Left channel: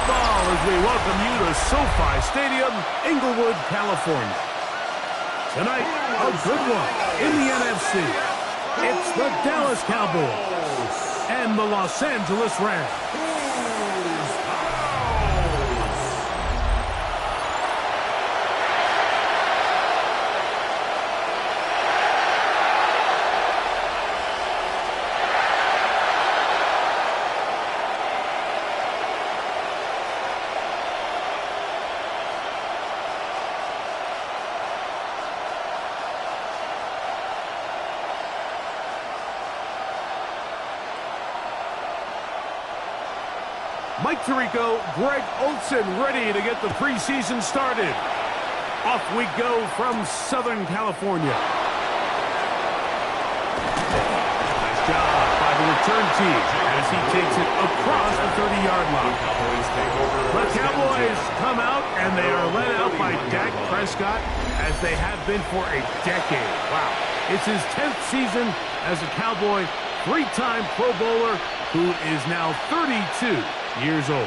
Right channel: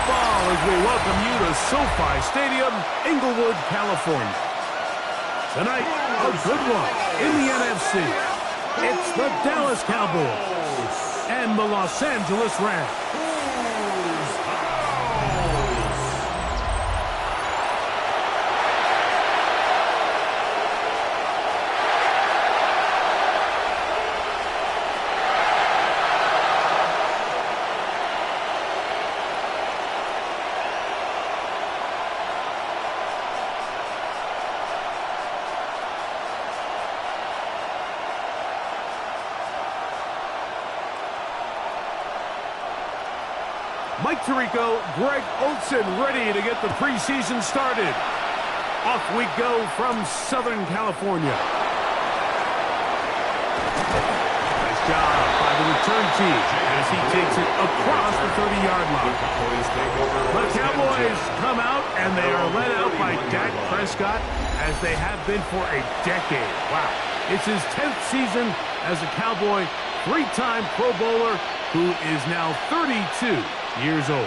football as we welcome you to SoFi Stadium, Inglewood, California. Tonight, a good one in the NFC. It's the Dallas Cowboys and the Los Angeles Rams. Mike Tirico, Greg Olson ready to get the preseason started. Off we go from Southern California. Nice job by the return team as he takes it across the 30-yard line. The Cowboys come out and they are led out by Dak Prescott as they have been for a decade. Wow. It's his 10th season as a Cowboy, three-time Pro Bowler who is now 32 years old.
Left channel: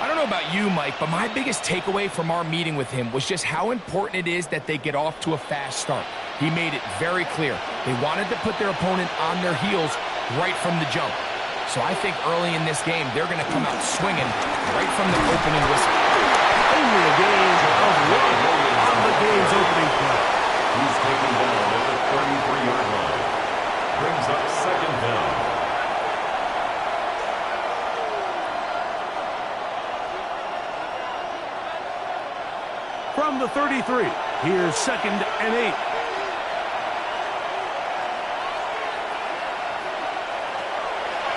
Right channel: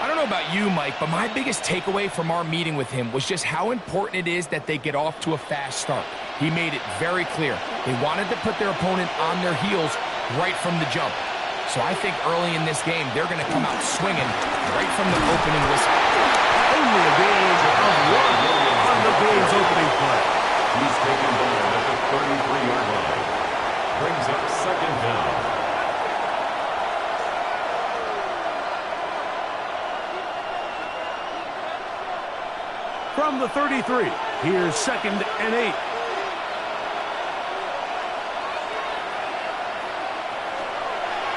I don't know about you, Mike, but my biggest takeaway from our meeting with him was just how important it is that they get off to a fast start. He made it very clear. They wanted to put their opponent on their heels right from the jump. So I think early in this game, they're going to come out swinging right from the opening whistle. Only a gain of one on the game's opening play. He's taken down at the 33-yard line. Brings up second down. From the 33, here's 2nd and 8.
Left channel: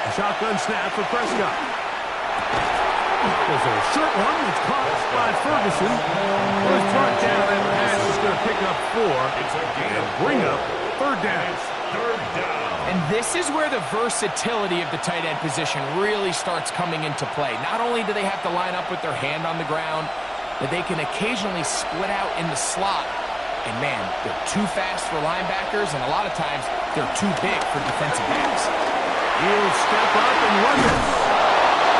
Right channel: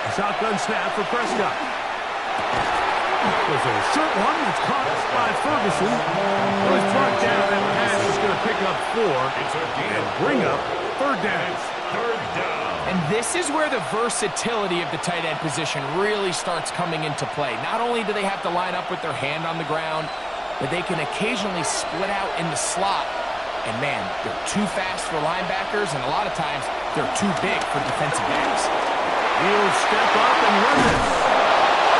A shotgun snap for Prescott. There's a short one that's caught by Ferguson. Well, he's brought down, and the pass is going to pick up 4 and bring up third down. And this is where the versatility of the tight end position really starts coming into play. Not only do they have to line up with their hand on the ground, but they can occasionally split out in the slot. And, man, they're too fast for linebackers, and a lot of times they're too big for defensive backs. He'll step up and run this.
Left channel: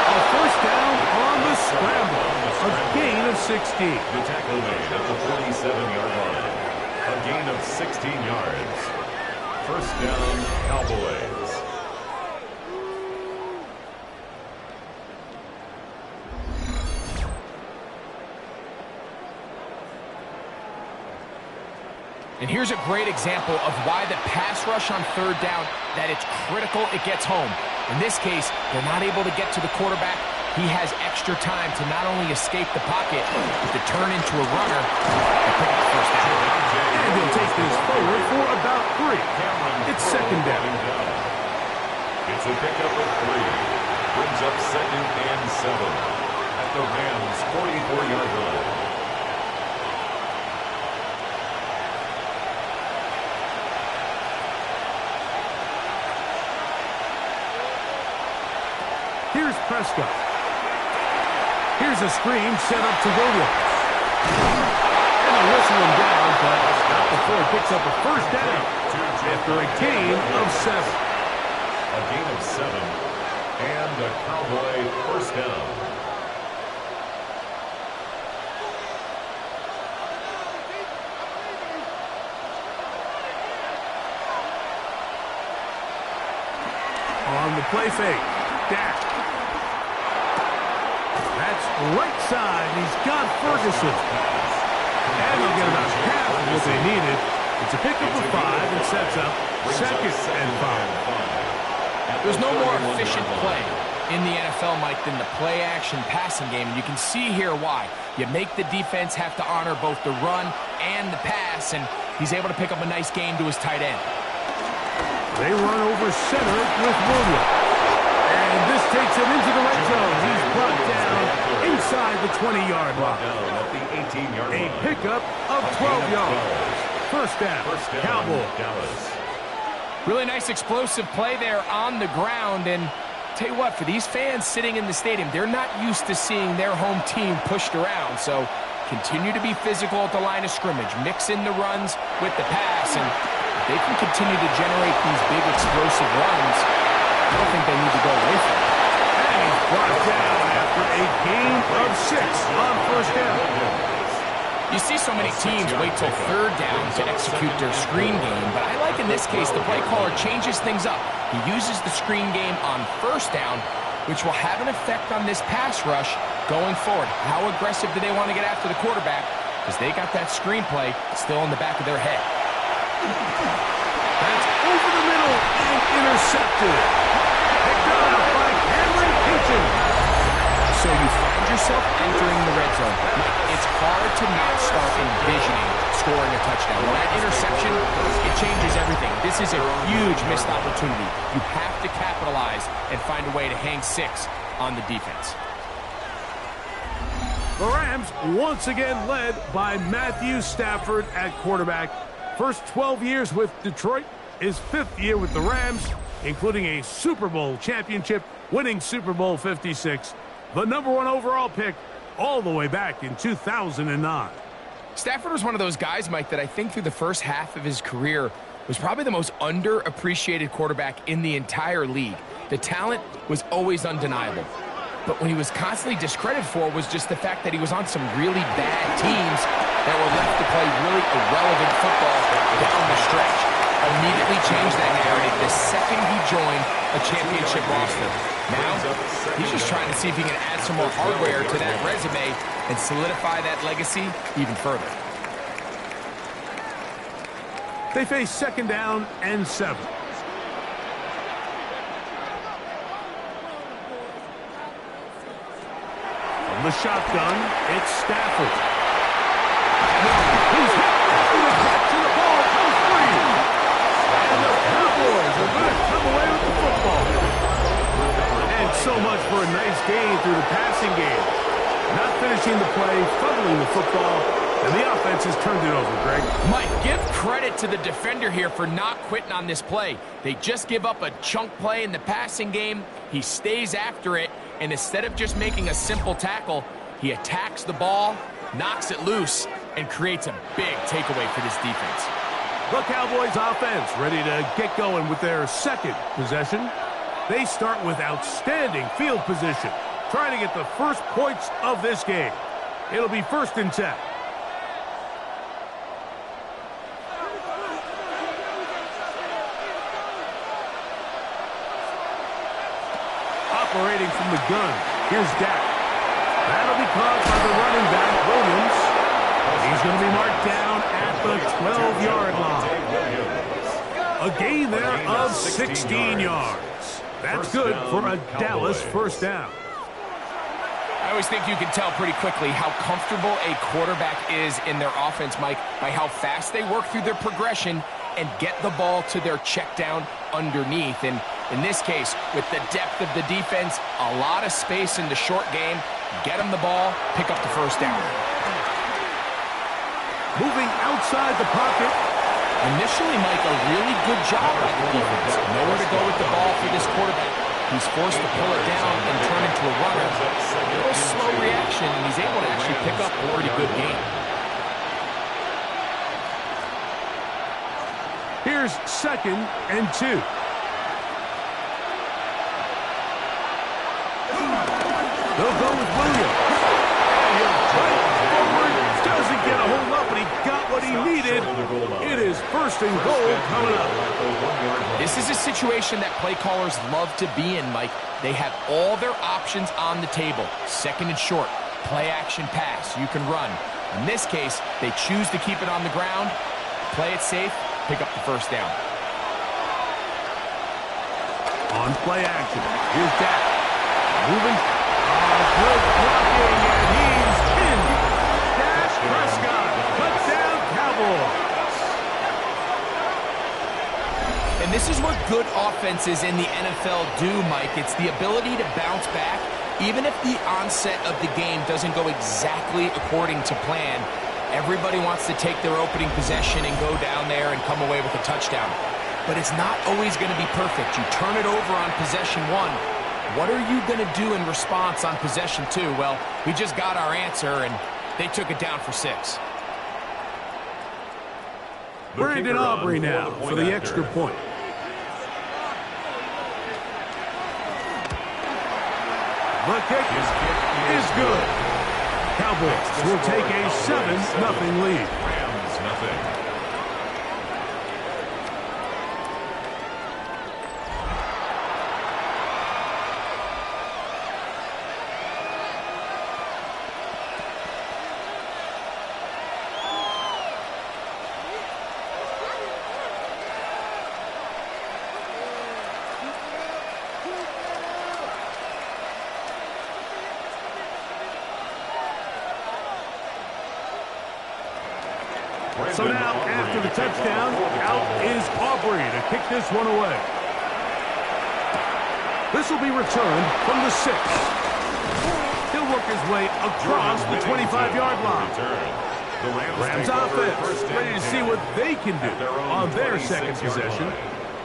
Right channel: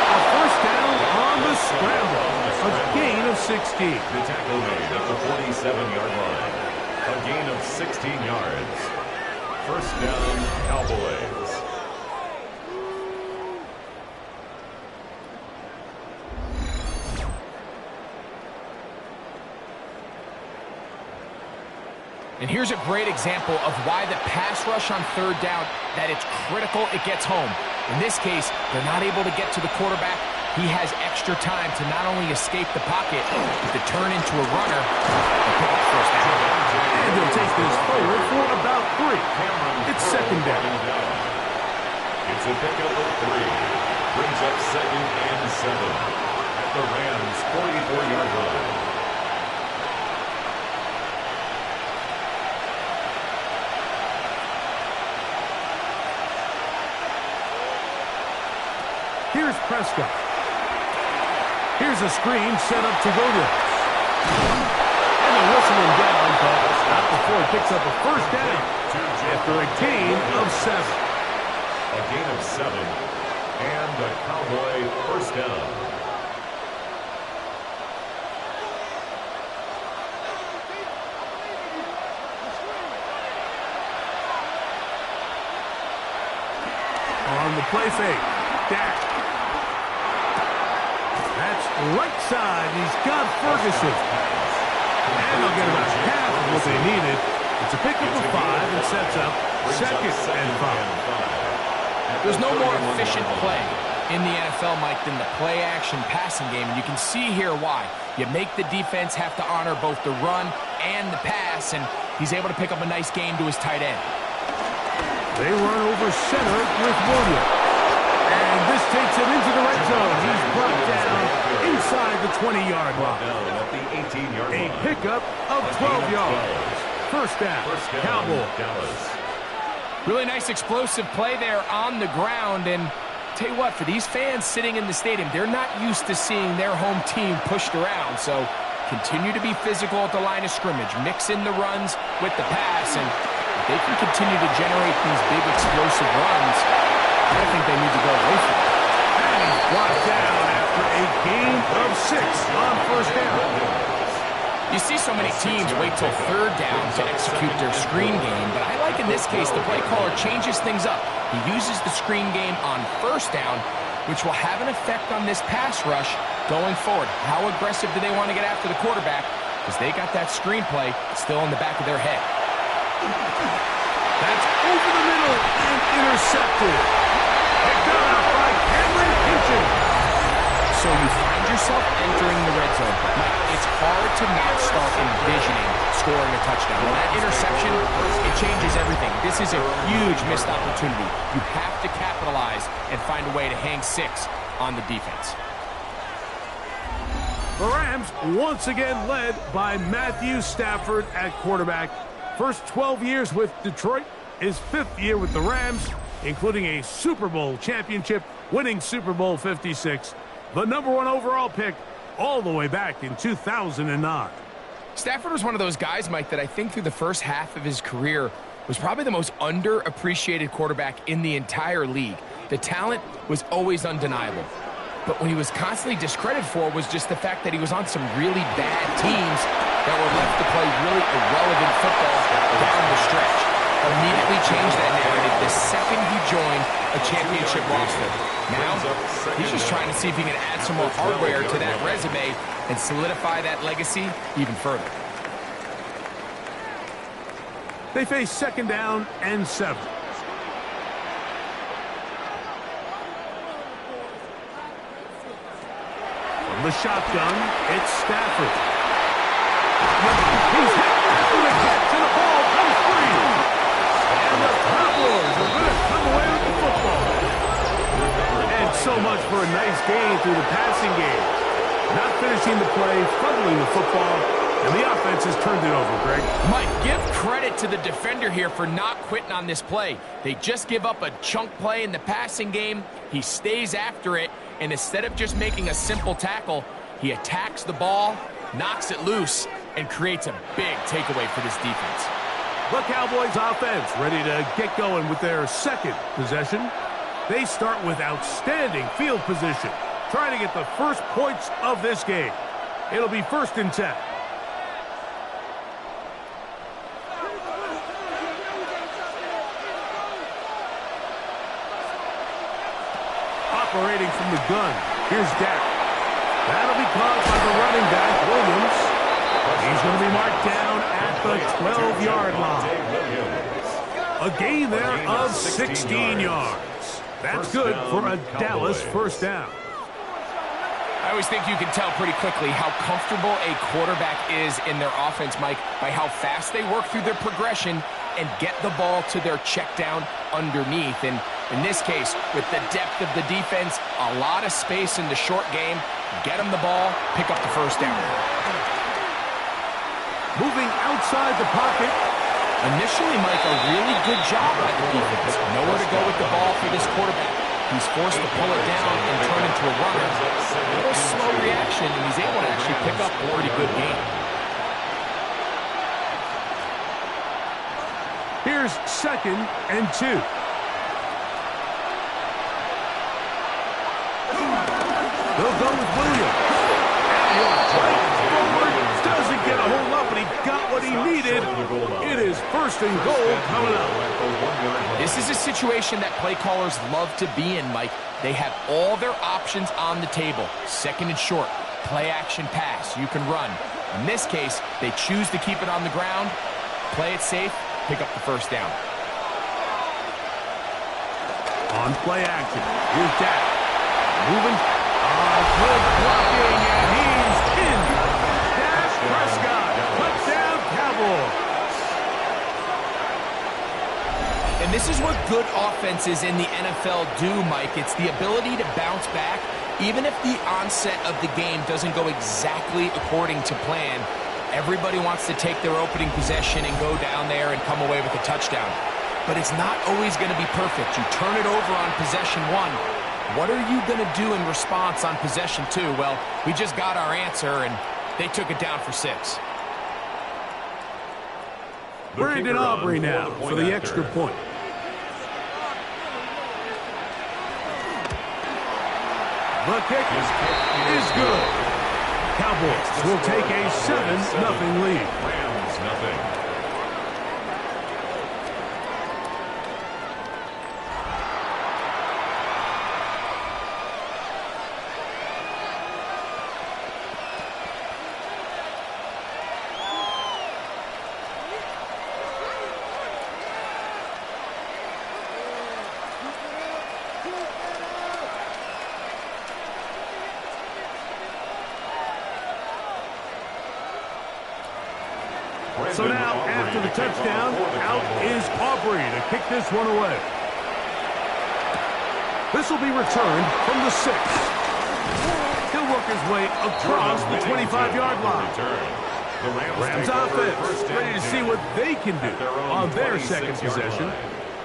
A first down on the scramble. A gain of 16. The tackle made at the 47-yard line. A gain of 16 yards. First down, Cowboys. And here's a great example of why the pass rush on third down, that it's critical it gets home. In this case, they're not able to get to the quarterback. He has extra time to not only escape the pocket, but to turn into a runner and pick up the first down. And he'll take this forward for about 3. It's second down. It's a pickup of 3. Brings up 2nd and 7 at the Rams' 44-yard line. Here's Prescott. Here's a screen set up to Williams. And they'll whistle him down, but not before he picks up a first down after a gain of 7. A gain of 7 and a Cowboy first down. On the play fake, Dak. That's right side. He's got Ferguson. And they'll get about half of what they needed. It's a pickup of 5 and sets up 2nd and 5. There's no more efficient play in the NFL, Mike, than the play-action passing game. And you can see here why. You make the defense have to honor both the run and the pass, and he's able to pick up a nice gain to his tight end. They run over center with Williams. And this takes him into the red zone. He's brought down inside the 20-yard line. A pickup of 12 yards. First down, Cowboys. Really nice explosive play there on the ground. And tell you what, for these fans sitting in the stadium, they're not used to seeing their home team pushed around. So continue to be physical at the line of scrimmage. Mix in the runs with the pass. And if they can continue to generate these big explosive runs, I don't think they need to go away from it. And And he's brought down after a gain of 6 on first down. You see so many teams wait till third down to execute their screen game, but I like in this case the play caller changes things up. He uses the screen game on first down, which will have an effect on this pass rush going forward. How aggressive do they want to get after the quarterback? Because they got that screenplay still in the back of their head. That's over the middle and intercepted. Picked up by Cameron Hinton. So you find yourself entering the red zone. Mike, it's hard to not start envisioning scoring a touchdown. Well, that interception, it changes everything. This is a huge missed opportunity. You have to capitalize and find a way to hang 6 on the defense. The Rams once again led by Matthew Stafford at quarterback. First 12 years with Detroit, his 5th year with the Rams, including a Super Bowl championship, winning Super Bowl 56. The #1 overall pick all the way back in 2009. Stafford was one of those guys, Mike, that I think through the first half of his career was probably the most underappreciated quarterback in the entire league. The talent was always undeniable. But when he was constantly discredited for was just the fact that he was on some really bad teams that were left to play really irrelevant football down the stretch. Immediately changed that narrative the second he joined a championship roster. Now, he's just trying to see if he can add some more hardware to that resume and solidify that legacy even further. They face 2nd down and 7. From the shotgun, it's Stafford. He's hit after the catch and the ball comes free. And the Cowboys are going to come away with the football. And so much for a nice gain through the passing game. Not finishing the play, fumbling the football, and the offense has turned it over, Greg. Mike, give credit to the defender here for not quitting on this play. They just give up a chunk play in the passing game. He stays after it, and instead of just making a simple tackle, he attacks the ball, knocks it loose, and creates a big takeaway for this defense. The Cowboys offense ready to get going with their 2nd possession. They start with outstanding field position, trying to get the first points of this game. It'll be 1st and 10. Operating from the gun, here's Dak. That'll be caught by the running back, Williams. He's going to be marked down at the 12-yard line. A gain there of 16 yards. That's good for a Dallas 1st down. I always think you can tell pretty quickly how comfortable a quarterback is in their offense, Mike, by how fast they work through their progression and get the ball to their check down underneath. And in this case, with the depth of the defense, a lot of space in the short game, get them the ball, pick up the 1st down. Moving outside the pocket. Initially, Mike, a really good job by the defense. Nowhere to go with the ball for this quarterback. He's forced to pull it down and turn into a runner. A little slow reaction, and he's able to actually pick up a pretty good game. Here's 2nd and 2. They'll go with Williams. And he'll fight forward. Doesn't get a whole lot, but he got what he needed. It is 1st and goal coming up. This is a situation that play callers love to be in, Mike. They have all their options on the table. 2nd and short, play action pass. You can run. In this case, they choose to keep it on the ground, play it safe, pick up the 1st down. On play action, here's Dak. Moving. Good blocking, and he's pinned. Dak Prescott, touchdown Cowboys. And this is what good offenses in the NFL do, Mike. It's the ability to bounce back, even if the onset of the game doesn't go exactly according to plan. Everybody wants to take their opening possession and go down there and come away with a touchdown. But it's not always going to be perfect. You turn it over on possession 1. What are you going to do in response on possession 2? Well, we just got our answer, and they took it down for 6. Brandon Aubrey now for the extra point. The kick is good. Cowboys will take a 7-0 lead. Rams nothing. So now, after the touchdown, out is Aubrey to kick this one away. This will be returned from the 6. He'll work his way across the 25-yard line. The Rams offense ready to see what they can do on their second possession.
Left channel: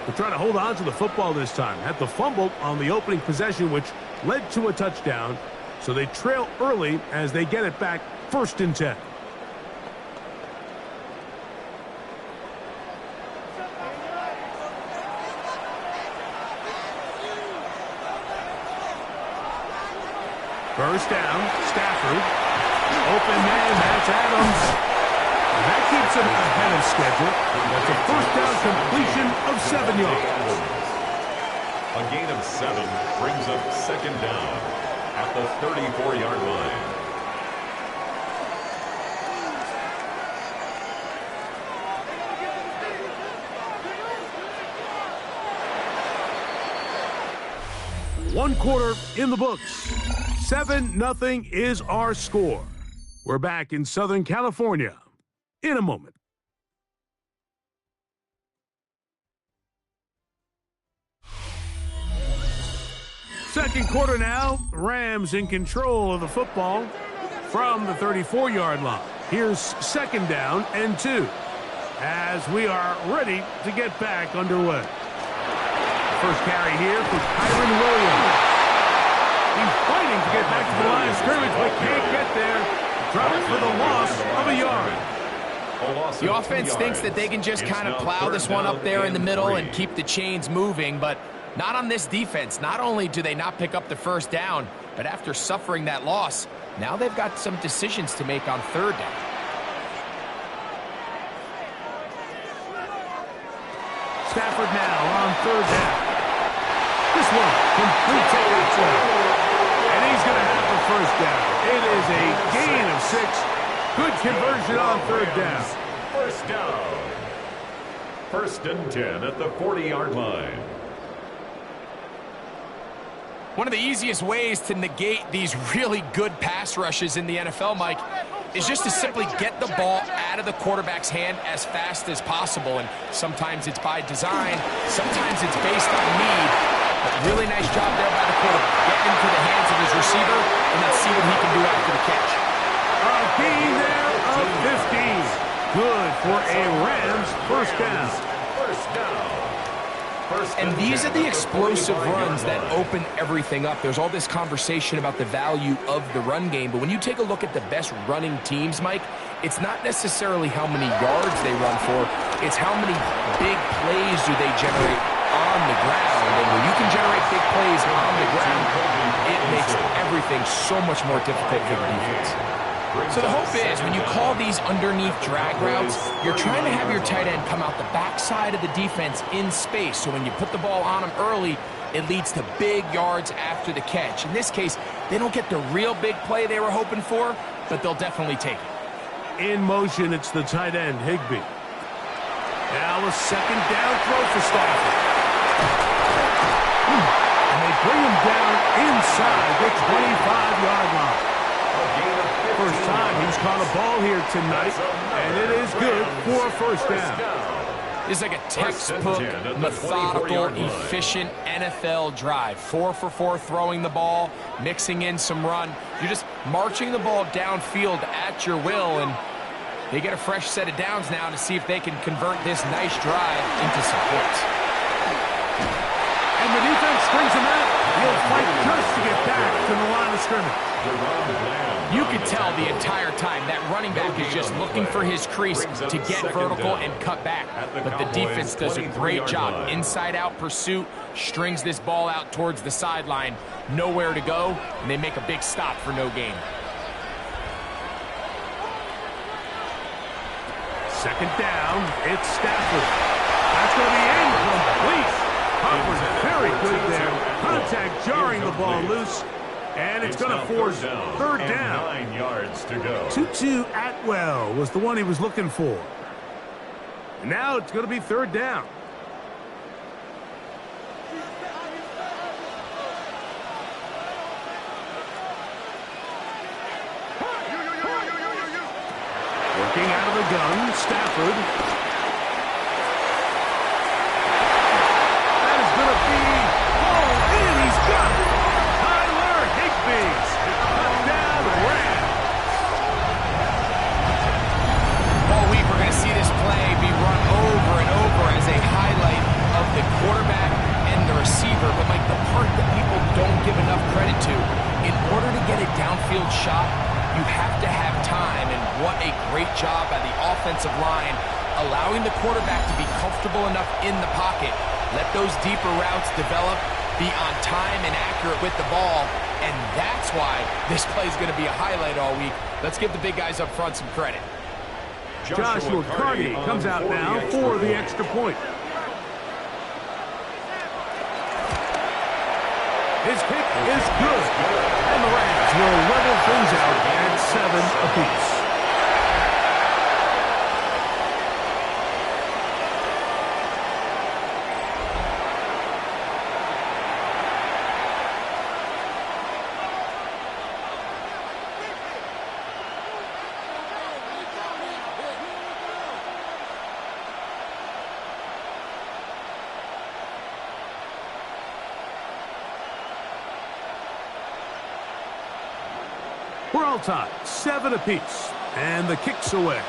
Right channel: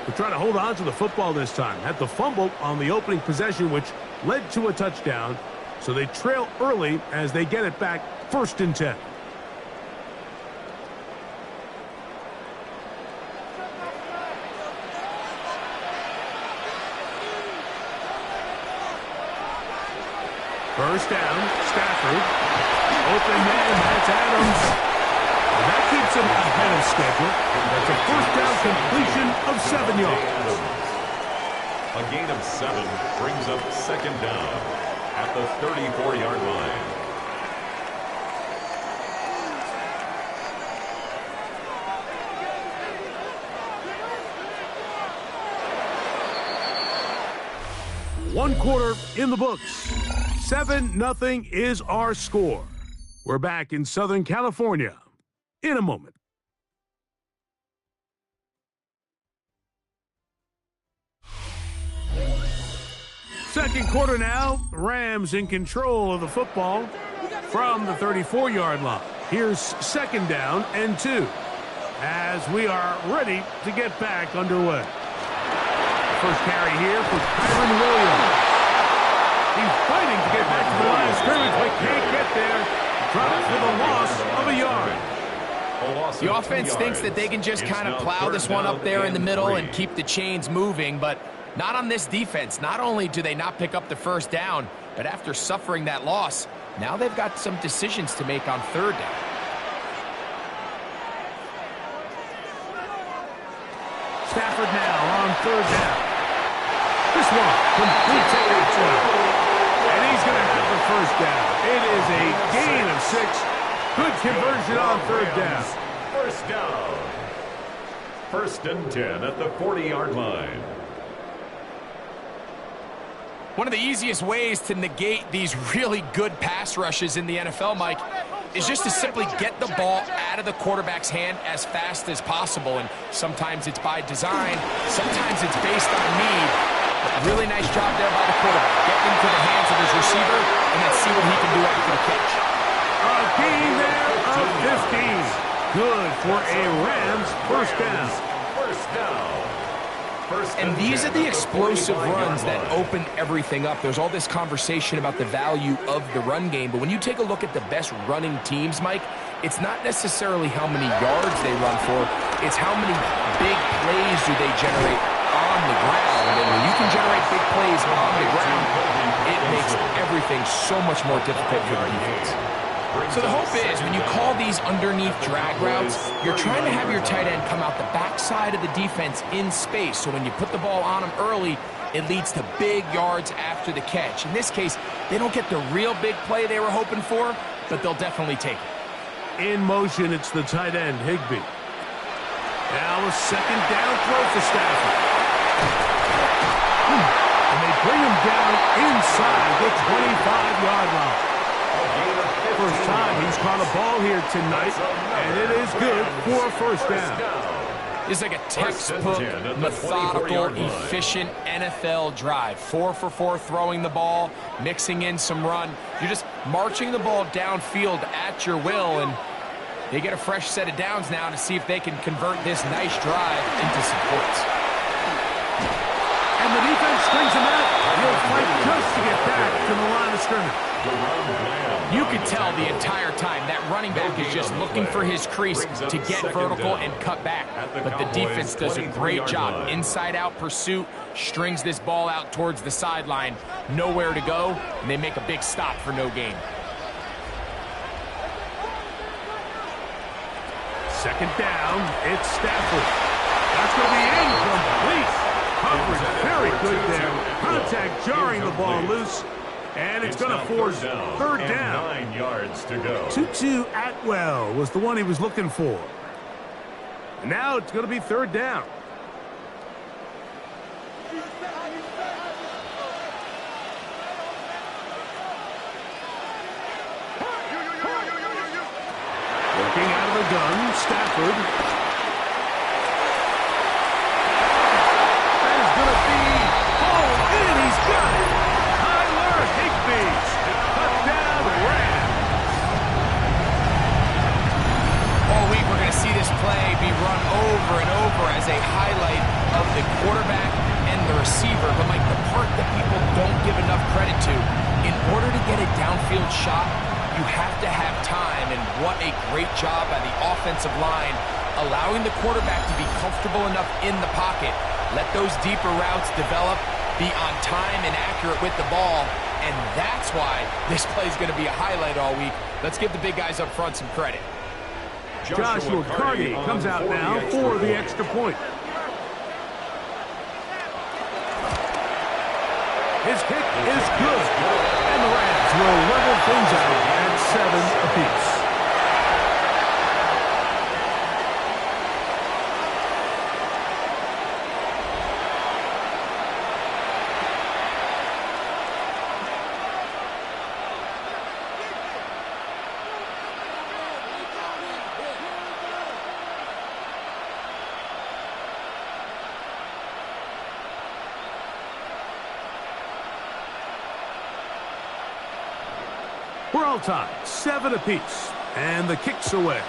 They're trying to hold on to the football this time. Had the fumble on the opening possession, which led to a touchdown. So they trail early as they get it back 1st and 10. First down, Stafford. Open man, that's Adams. And that keeps him ahead of schedule. That's a first down completion of 7 yards. A gain of 7 brings up 2nd down at the 34-yard line. One quarter in the books. 7-0 is our score. We're back in Southern California in a moment. Second quarter now. Rams in control of the football from the 34-yard line. Here's 2nd down and 2 as we are ready to get back underway. First carry here for Kyron Williams. He's fighting to get back to the line of scrimmage, but can't get there. Dropped for the loss of a yard. The offense thinks that they can just kind of plow this one up there in the middle and keep the chains moving, but not on this defense. Not only do they not pick up the first down, but after suffering that loss, now they've got some decisions to make on 3rd down. Stafford now on 3rd down. This one completes it at 12. And he's going to have the first down. It is a gain of 6. Good conversion on 3rd down. First down. 1st and 10 at the 40-yard line. One of the easiest ways to negate these really good pass rushes in the NFL, Mike, is just to simply get the ball out of the quarterback's hand as fast as possible. And sometimes it's by design, sometimes it's based on need. But really nice job there by the quarterback, getting into the hands of his receiver, and then see what he can do after the catch. A gain there of 15. Good for a Rams first down. First down. And these are the explosive runs that open everything up. There's all this conversation about the value of the run game, but when you take a look at the best running teams, Mike, it's not necessarily how many yards they run for, it's how many big plays do they generate on the ground. And when you can generate big plays on the ground, it makes everything so much more difficult for the defense. So the hope is when you call these underneath drag routes, you're trying to have your tight end come out the backside of the defense in space. So when you put the ball on him early, it leads to big yards after the catch. In this case, they don't get the real big play they were hoping for, but they'll definitely take it. In motion, it's the tight end, Higbee. Now a 2nd down throw for Stafford. And they bring him down inside the 25-yard line. First time he's caught a ball here tonight, and it is good for a first down. It's like a textbook, methodical, efficient NFL drive. 4 for 4 throwing the ball, mixing in some run. You're just marching the ball downfield at your will, and they get a fresh set of downs now to see if they can convert this nice drive into some points. And the defense strings him out. He'll fight just to get back to the line of scrimmage. You could tell the entire time that running back is just looking for his crease to get vertical and cut back. But the defense does a great job. Inside-out pursuit, strings this ball out towards the sideline. Nowhere to go, and they make a big stop for no gain. Second down, it's Stafford. That's going to be incomplete. Coverage very good there. Contact jarring the ball loose. And it's going to force third down. 9 yards to go. Tutu Atwell was the one he was looking for. And now it's going to be third down. Working out of the gun, Stafford. That is going to be hauled in. He's got it. Touchdown, Rams. All week we're going to see this play be run over and over as a highlight of the quarterback and the receiver. But, Mike, the part that people don't give enough credit to, in order to get a downfield shot, you have to have time. And what a great job by the offensive line, allowing the quarterback to be comfortable enough in the pocket. Let those deeper routes develop, be on time and accurate with the ball. And that's why this play is going to be a highlight all week. Let's give the big guys up front some credit. Joshua Carty comes out now for the extra point. His kick is good. And the Rams will level things out at 7 apiece. We're all tied, 7 apiece, and the kick's away.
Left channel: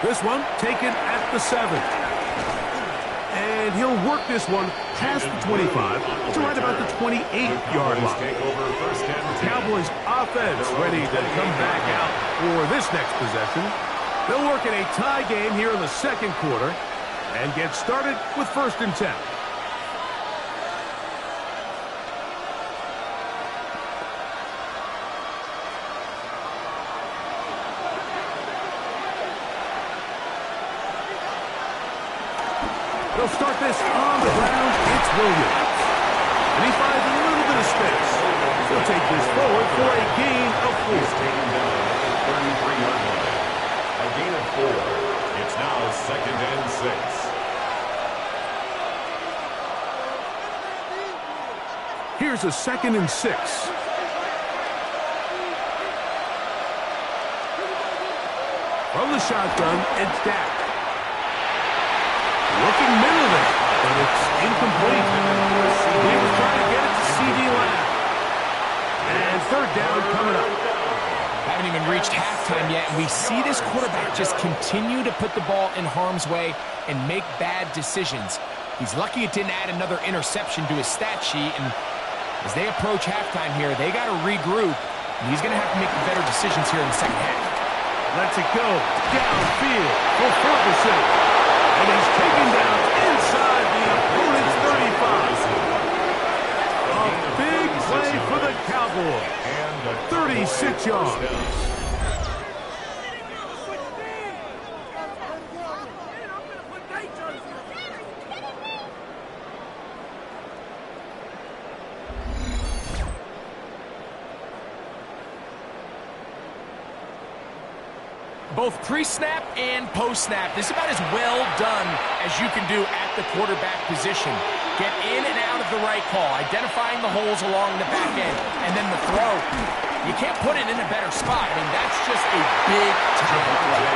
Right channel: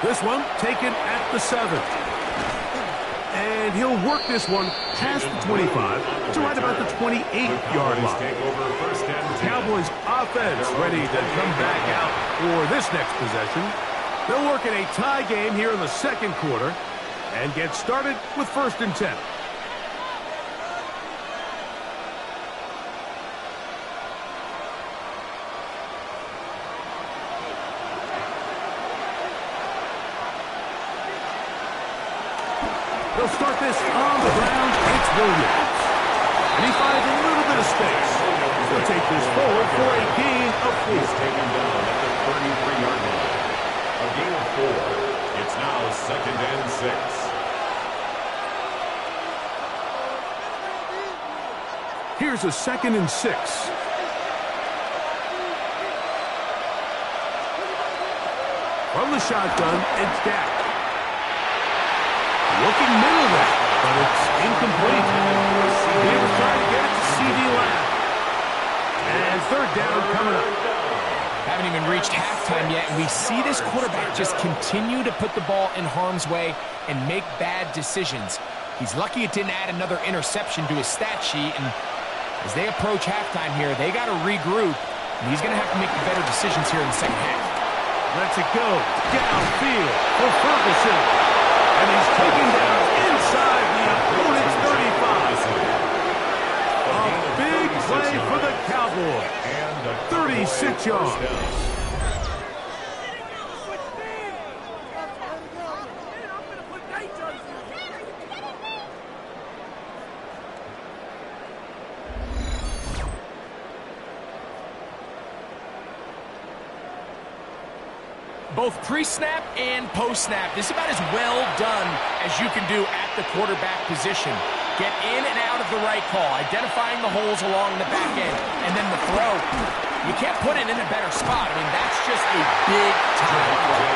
This one taken at the 7. And he'll work this one past the 25 to right about the 28-yard line. Cowboys offense ready to come back out for this next possession. They'll work in a tie game here in the second quarter and get started with 1st and 10. They'll start this on the ground. It's Williams. And he finds a little bit of space. He'll take this forward for a gain of 4. He's taken down at the 33-yard line. A gain of 4. It's now 2nd and 6. Here's a 2nd and 6. From the shotgun, it's Dak. Looking middle there, but it's incomplete. He was trying to get it to C.D. Lamb. And third down coming up. Haven't even reached halftime yet, and we see this quarterback just continue to put the ball in harm's way and make bad decisions. He's lucky it didn't add another interception to his stat sheet, and as they approach halftime here, they got to regroup, and he's going to have to make better decisions here in the second half. Lets it go downfield for Ferguson. And he's taken down inside the opponent's 35. A big play for the Cowboys. 36 yards. Both pre-snap and post-snap, this is about as well done as you can do at the quarterback position. Get in and out of the right call, identifying the holes along the back end, and then the throw. You can't put it in a better spot. I mean, that's just a big-time play.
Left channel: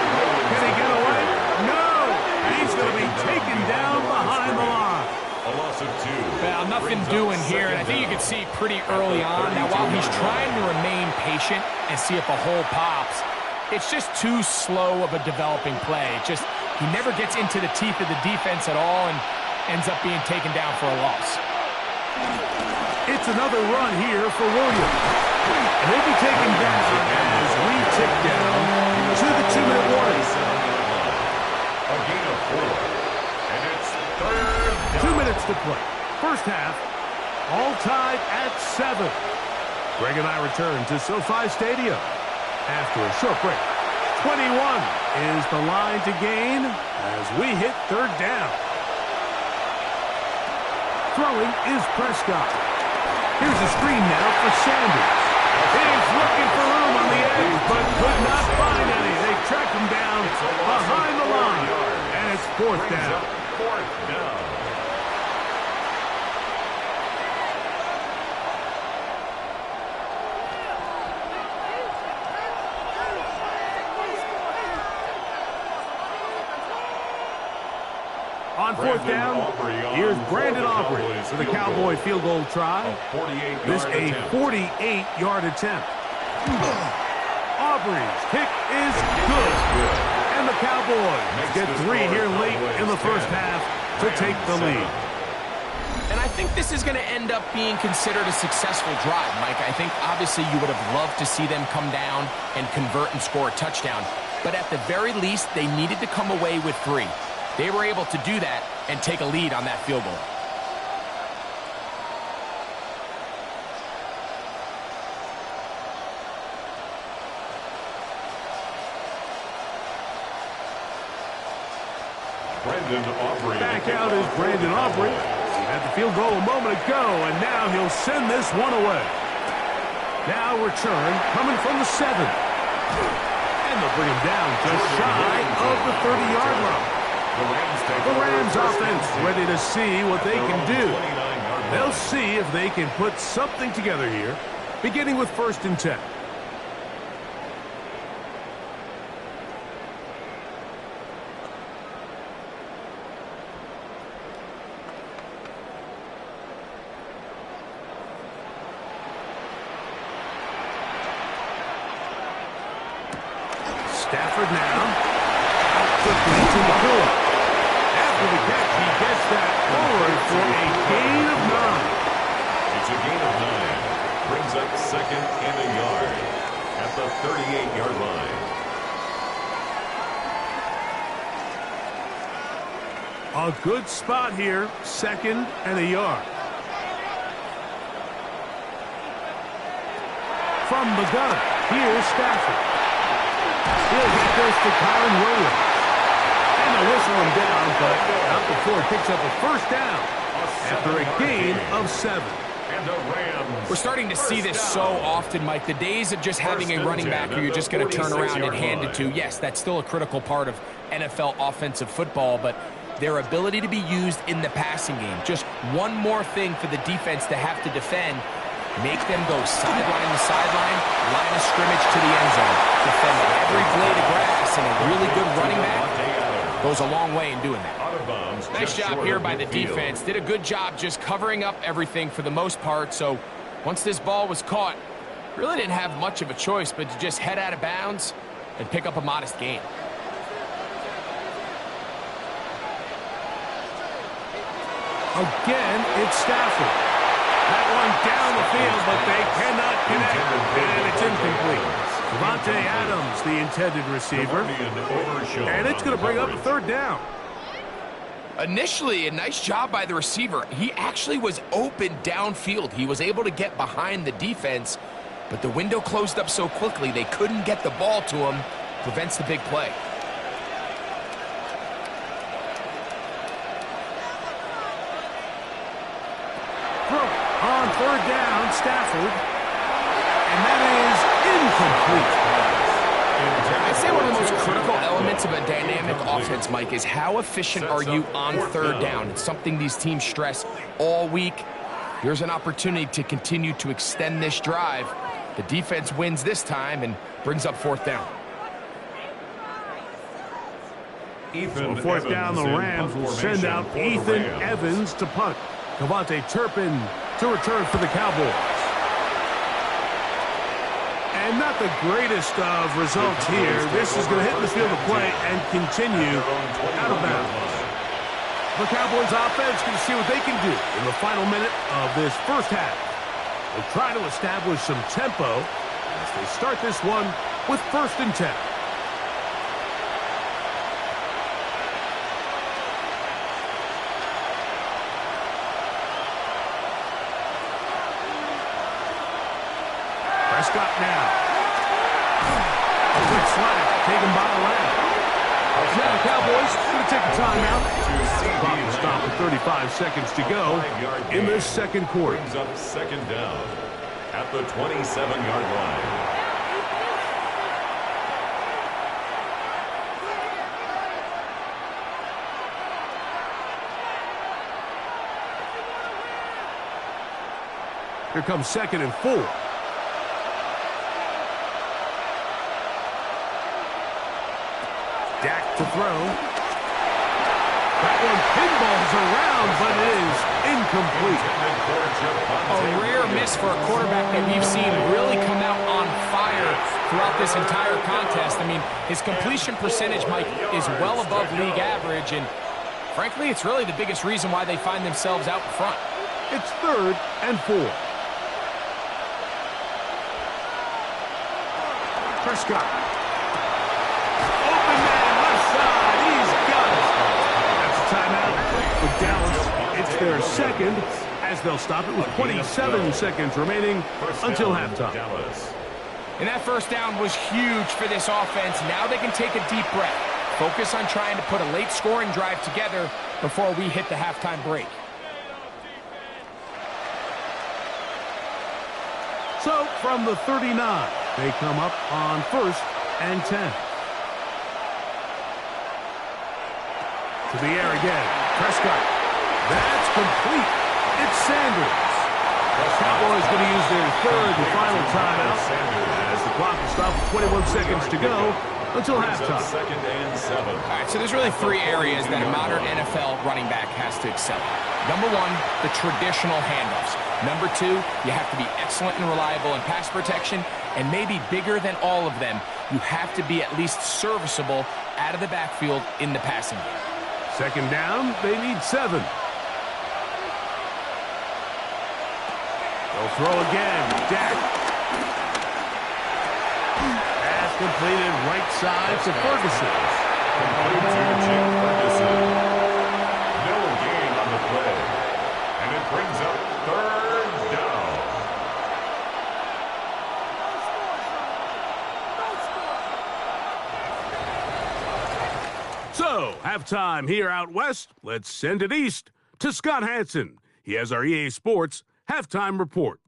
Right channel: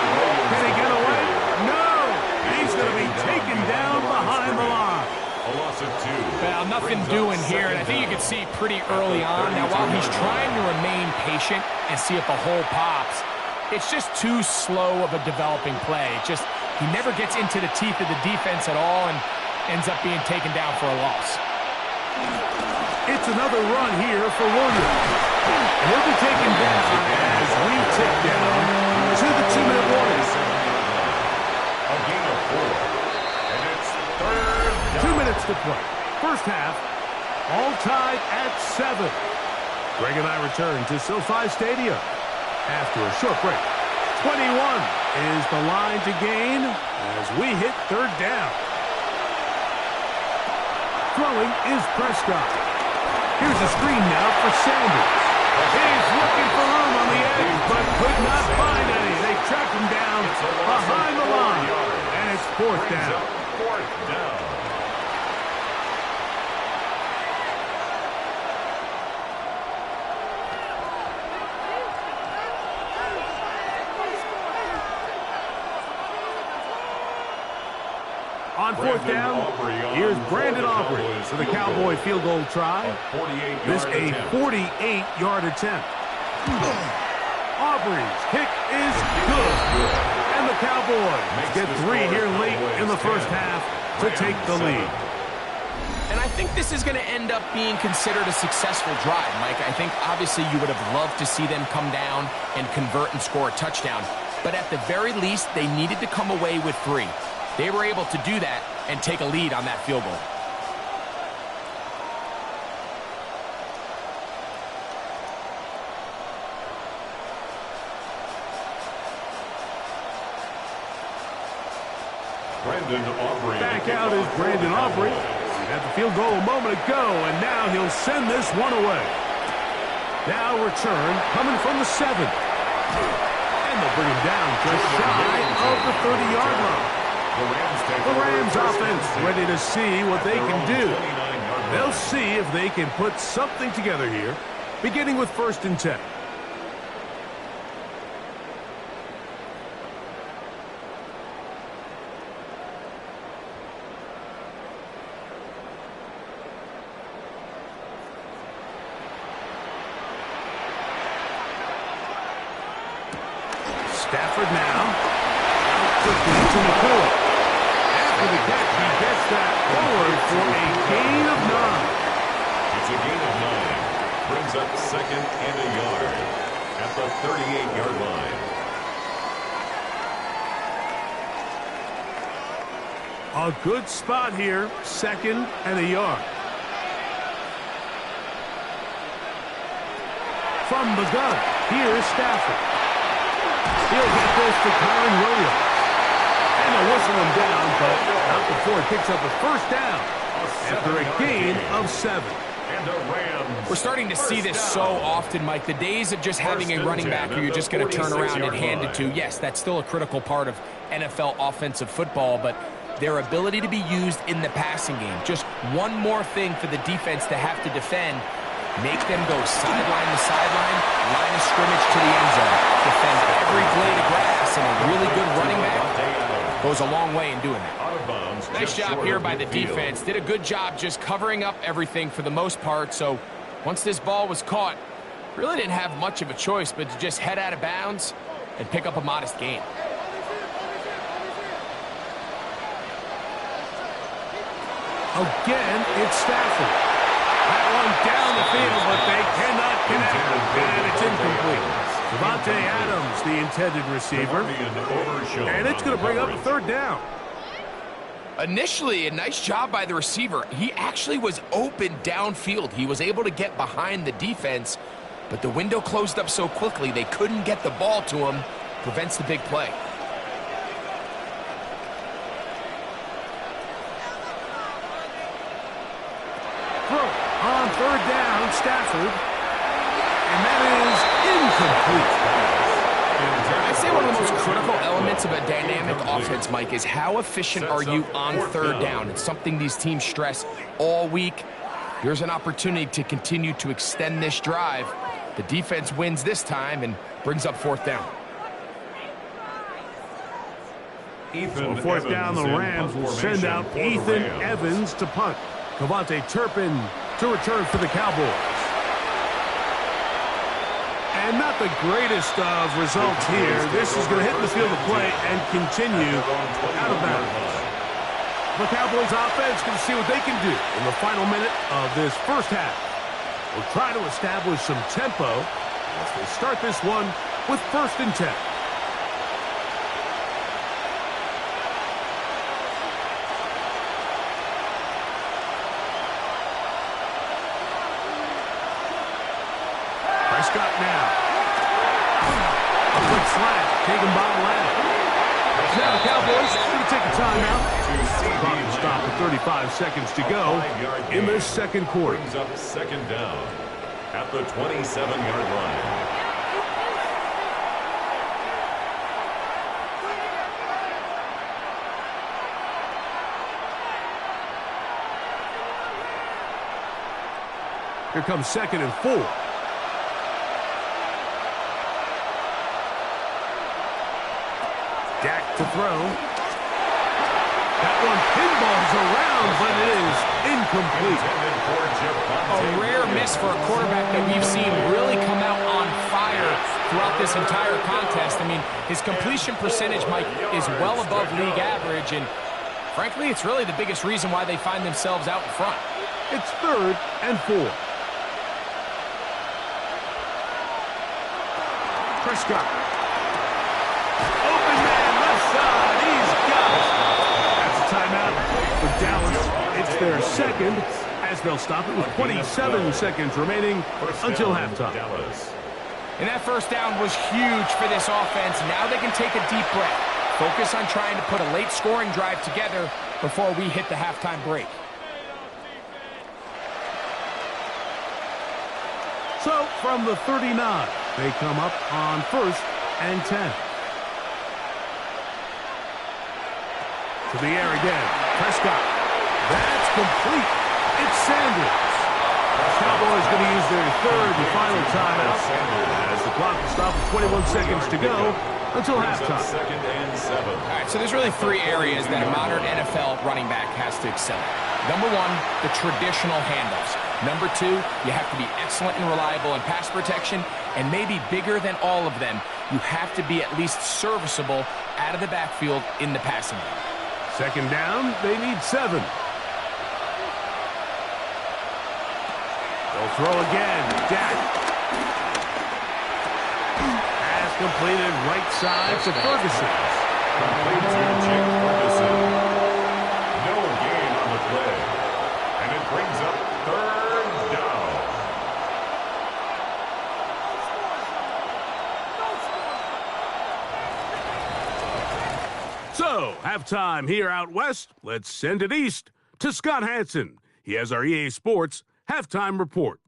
Can he get away? No! He's going to be taken down behind the line. A loss of 2. Well, nothing doing here, and I think you can see pretty early on. Now, while he's trying to remain patient and see if a hole pops, it's just too slow of a developing play. He never gets into the teeth of the defense at all, and ends up being taken down for a loss. It's another run here for Williams. And he'll be taken down as we tick down to the 2-minute warning. A gain of 4. And it's third down. 2 minutes to play. First half, all tied at 7. Greg and I return to SoFi Stadium after a short break. 21 is the line to gain as we hit third down. Throwing is Prescott. Here's a screen now for Sanders. He's looking for room on the edge, but could not find any. They tracked him down behind the line, and it's fourth down. Fourth down. On fourth down, here's Brandon Aubrey for the Cowboy field goal try. This a 48-yard attempt. Aubrey's kick is good. And the Cowboys get 3 here late in the first half to take the lead. And I think this is going to end up being considered a successful drive, Mike. I think obviously you would have loved to see them come down and convert and score a touchdown. But at the very least, they needed to come away with 3. They were able to do that and take a lead on that field goal. Brandon Aubrey. Back out is Brandon Aubrey. Had the field goal a moment ago, and now he'll send this one away. Now return coming from the 7. And they'll bring him down just shy of the 30-yard line. The Rams offense ready to see what they can do. They'll see if they can put something together here, beginning with 1st and 10. Stafford now. Out quickly to Nakua. After the catch, he gets that forward for a gain of 9. It's a gain of 9. Brings up 2nd and a yard at the 38-yard line. A good spot here, 2nd and a yard. From the gun, here's Stafford. He'll get this to Kyron Williams. And they'll whistle him down, but not before he picks up a first down after a gain of 7. And the Rams. We're starting to see this so often, Mike. The days of just having a running back who you're just going to turn around and hand it to, yes, that's still a critical part of NFL offensive football, but their ability to be used in the passing game. Just one more thing for the defense to have to defend. Make them go sideline to sideline, line of scrimmage to the end zone. Defend every blade of grass, and a really good running back goes a long way in doing that. Nice job here by the defense. Did a good job just covering up everything for the most part. So once this ball was caught, really didn't have much of a choice but to just head out of bounds and pick up a modest gain. Again, it's Stafford. That one down the field, but they cannot connect, and it's incomplete. Devontae Adams, the intended receiver, and it's going to bring up a 3rd down. Initially, a nice job by the receiver. He actually was open downfield. He was able to get behind the defense, but the window closed up so quickly they couldn't get the ball to him. Prevents the big play. On 3rd down, Stafford. And that is incomplete. I'd say one of the most critical elements of a dynamic offense, Mike, is how efficient are you on 3rd down? It's something these teams stress all week. Here's an opportunity to continue to extend this drive. The defense wins this time and brings up 4th down. On 4th down, the Rams will send out Ethan Evans to punt. Kavontae Turpin to return for the Cowboys. And not the greatest of results here. This is going to hit the field of play and continue out of bounds. The Cowboys offense can see what they can do in the final minute of this first half. We'll try to establish some tempo as they start this one with 1st and 10. Prescott now. A quick slant taken by Lamb. Now the Cowboys going to take a timeout. Clock will stop at 35 seconds to go in this second quarter. Brings up 2nd down at the 27-yard line. Here comes 2nd and 4. Dak to throw. That one pinballs around, but it is incomplete. A rare miss for a quarterback that we've seen really come out on fire throughout this entire contest. I mean, his completion percentage, Mike, is well above league average, and frankly, it's really the biggest reason why they find themselves out in front. It's 3rd and 4. Prescott. Open man, left side. He's got it. That's a timeout for Dallas. It's their 2nd, as they'll stop it with 27 seconds remaining until halftime. And that 1st down was huge for this offense. Now they can take a deep breath. Focus on trying to put a late scoring drive together before we hit the halftime break. So, from the 39, they come up on 1st and 10. To the air again. Prescott. That's complete. It's Sanders. Cowboys going to use their 3rd and final timeout as the clock will stop with 21 seconds to go until halftime. 2nd and 7. All right, so there's really 3 areas that a modern NFL running back has to excel at. Number 1, the traditional handoffs. Number 2, you have to be excellent and reliable in pass protection, and maybe bigger than all of them, you have to be at least serviceable out of the backfield in the passing game. 2nd down, they need 7. They'll throw again. Dak. Pass completed right side to Ferguson. Complete to Jake Ferguson. No gain on the play. And it brings up 3rd down. So, halftime here out west. Let's send it east to Scott Hansen. He has our EA Sports halftime report.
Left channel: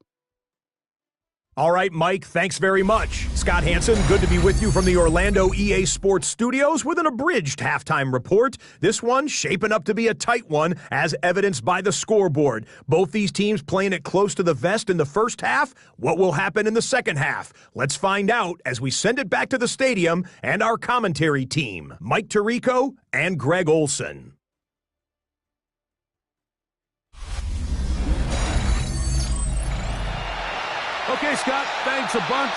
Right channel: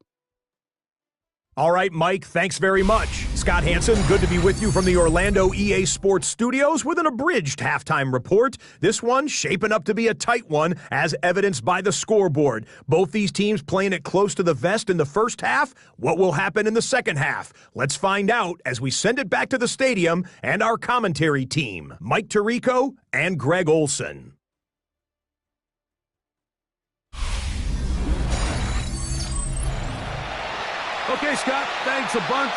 All right, Mike, thanks very much. Scott Hansen, good to be with you from the Orlando EA Sports Studios with an abridged halftime report. This one shaping up to be a tight one, as evidenced by the scoreboard. Both these teams playing it close to the vest in the first half. What will happen in the second half? Let's find out as we send it back to the stadium and our commentary team, Mike Tirico and Greg Olson. Okay, Scott, thanks a bunch.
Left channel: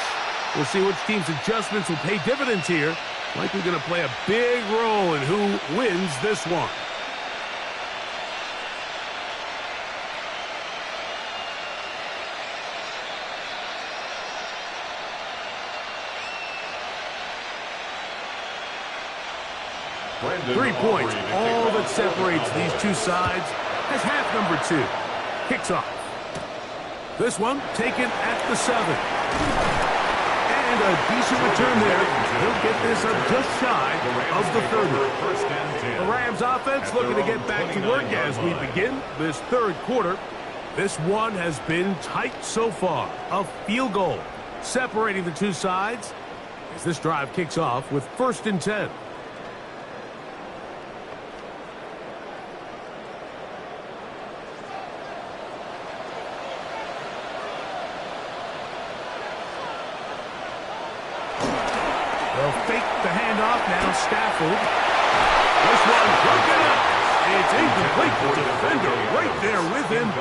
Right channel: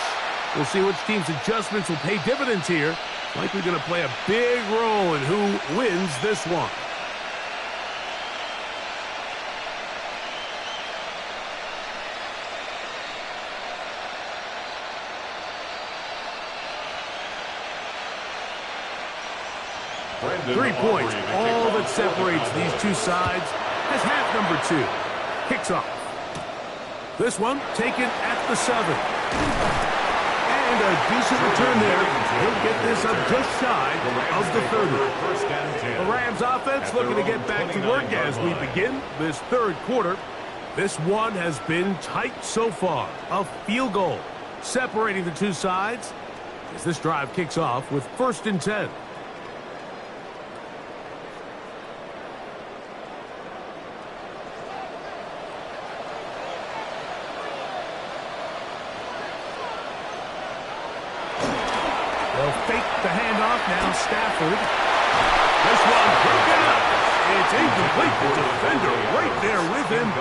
We'll see which team's adjustments will pay dividends here. Likely going to play a big role in who wins this one. Brandon 3 points, Aubrey, all that separates these two sides, has half number 2. Kicks off. This one taken at the 7. And a decent return there. He'll get this up just shy of the 30. The Rams offense looking to get back to work as we begin this 3rd quarter. This one has been tight so far. A field goal separating the two sides as this drive kicks off with 1st and 10. They'll fake the handoff. Now Stafford. This one broken up. It's incomplete. The defender right there with him.